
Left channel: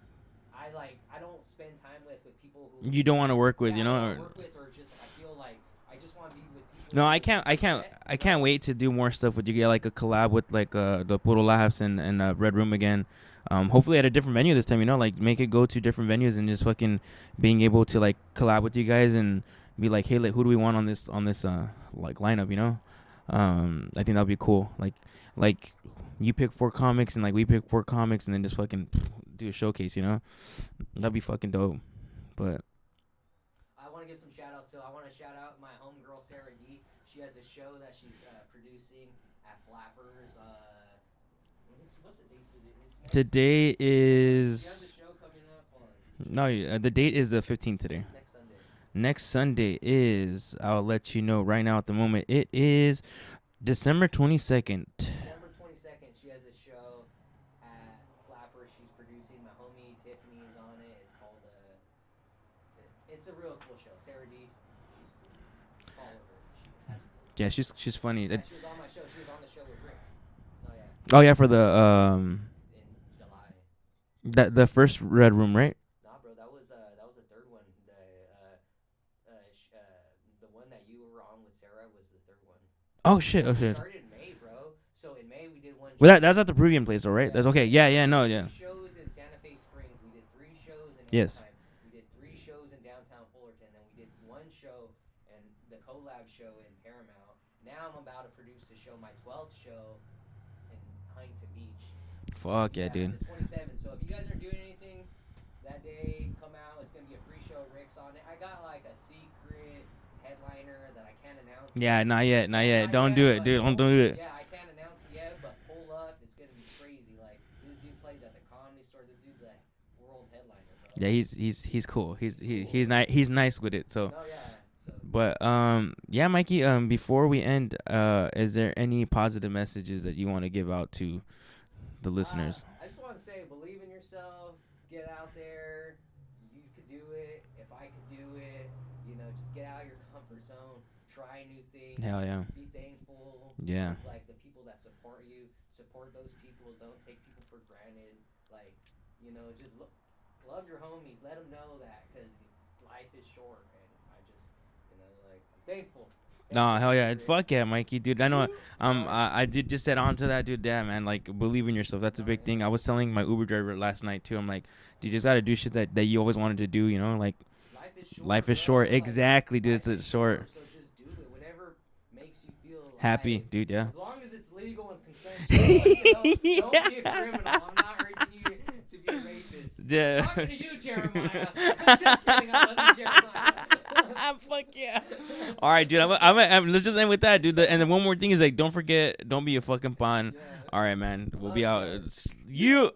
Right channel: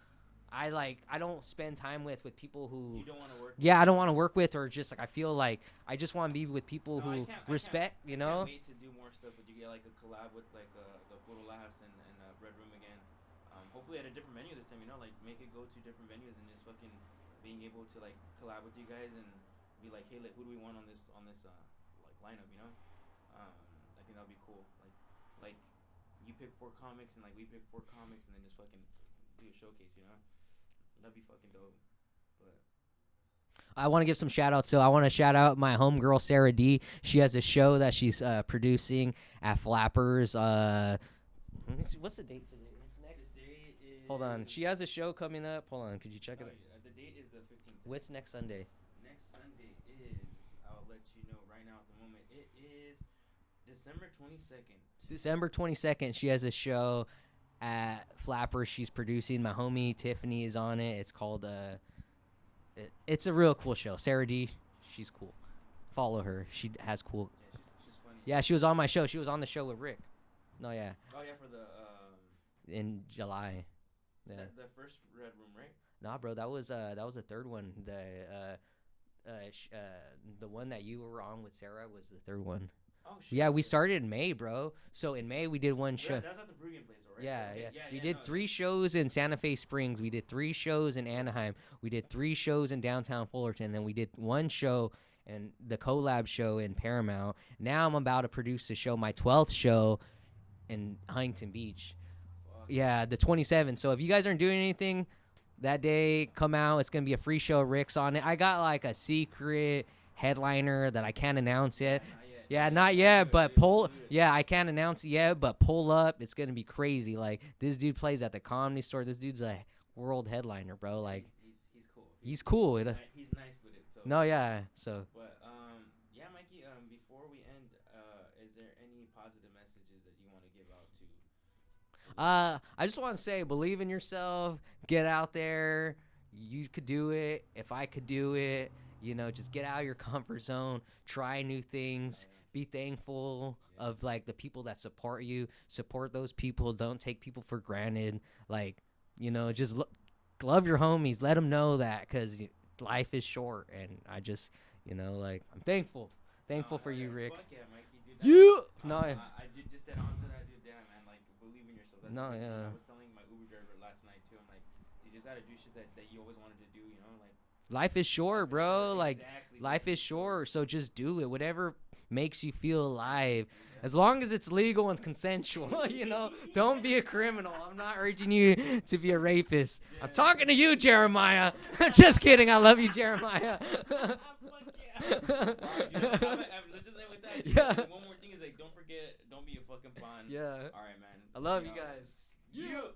I don't spend time with people who you don't want to work with. Yeah, I don't want to work with, or just like I feel like I just want to be with people. No, I can't wait to do more stuff with you. Get like a collab with like the Puro Laughs and Red Rüm again. Hopefully at a different venue this time. Like make it go to different venues and just fucking being able to like collab with you guys and be like, hey, like, who do we want on this like lineup? I think that'd be cool. Like you pick 4 comics and like we pick 4 comics and then just fucking do a showcase. That'd be fucking dope. But I want to give some shout outs. So I want to shout out my homegirl Sarah D. She has a show that she's producing at Flappers. Let me see, what's the date today? Today is. She has a show coming up. Hold on, could you check? No, the date is the 15th today. When's next Sunday? Next Sunday is. I'll let you know right now at the moment. It is December 22nd. December 22nd. She has a show at Flappers. She's producing. My homie Tiffany is on it. It's called. It's a real cool show. Sarah D. She's cool. Follow her. She has cool. Yeah, she's funny. Yeah, she was on my show. She was on the show with Rick. No, yeah. Oh yeah, for the in July. The first Red Rüm, right? Nah, bro, that was the third one. The one that you were on with Sarah was the third one. Oh shit! Yeah, okay. we started in May, bro. So in May we did one. Well, that's at the Peruvian place, though, right? Yeah, that's okay. Yeah, we did 3 yeah. shows in Santa Fe Springs. We did 3 shows in Yes. Anaheim. We did 3 shows in downtown Fullerton. Then we did 1 show and the collab show in Paramount. Now I'm about to produce the show, my 12th show in Huntington Beach. Fuck yeah, the 27th. So if you guys aren't doing anything that day, come out. It's gonna be a free show. Rick's on it. I got like a secret headliner that I can't announce yet. Yeah, not yet. Not Don't yet, do it, but dude. Don't do it. Yeah, I can't announce it yet, but pull up. It's gonna be crazy. Like this dude plays at the Comedy Store. This dude's a world headliner, bro. Yeah, like, he's cool. He's cool. He's nice with it. So. No, yeah. So. But yeah, Mikey. Before we end, is there any positive messages that you want to give out to the listeners? I just want to say, believe in yourself. Get out there. You could do it. If I could do it, just get out of your comfort zone. Try new things. Hell yeah. Be thankful of like the people that support you. Support those people. Don't take people for granted. Like, just love your homies. Let them know that because life is short. And I just, like I'm thankful. No, hell yeah. Fuck yeah, Mikey, dude. I know. I did just said on to that, dude. Damn, man. Like, believe in yourself. That's a big thing. I was telling my Uber driver last night, too. I'm like, dude, you just got to do shit that you always wanted to do, Like, life is short, Life is bro. short. Like, exactly, dude. Life is short. So just do it. Whatever makes you feel alive. Happy, dude, yeah. As long as it's legal and consensual, don't be a criminal. I'm not urging you to be a rapist. Yeah. I'm talking to you, Jeremiah. Just kidding. I love you, Jeremiah. Fuck yeah. All right, dude. Let's just end with that, dude. And then one more thing is like, don't forget, don't be a fucking pawn. Yeah. All right, man. I We'll love be you out. guys. You.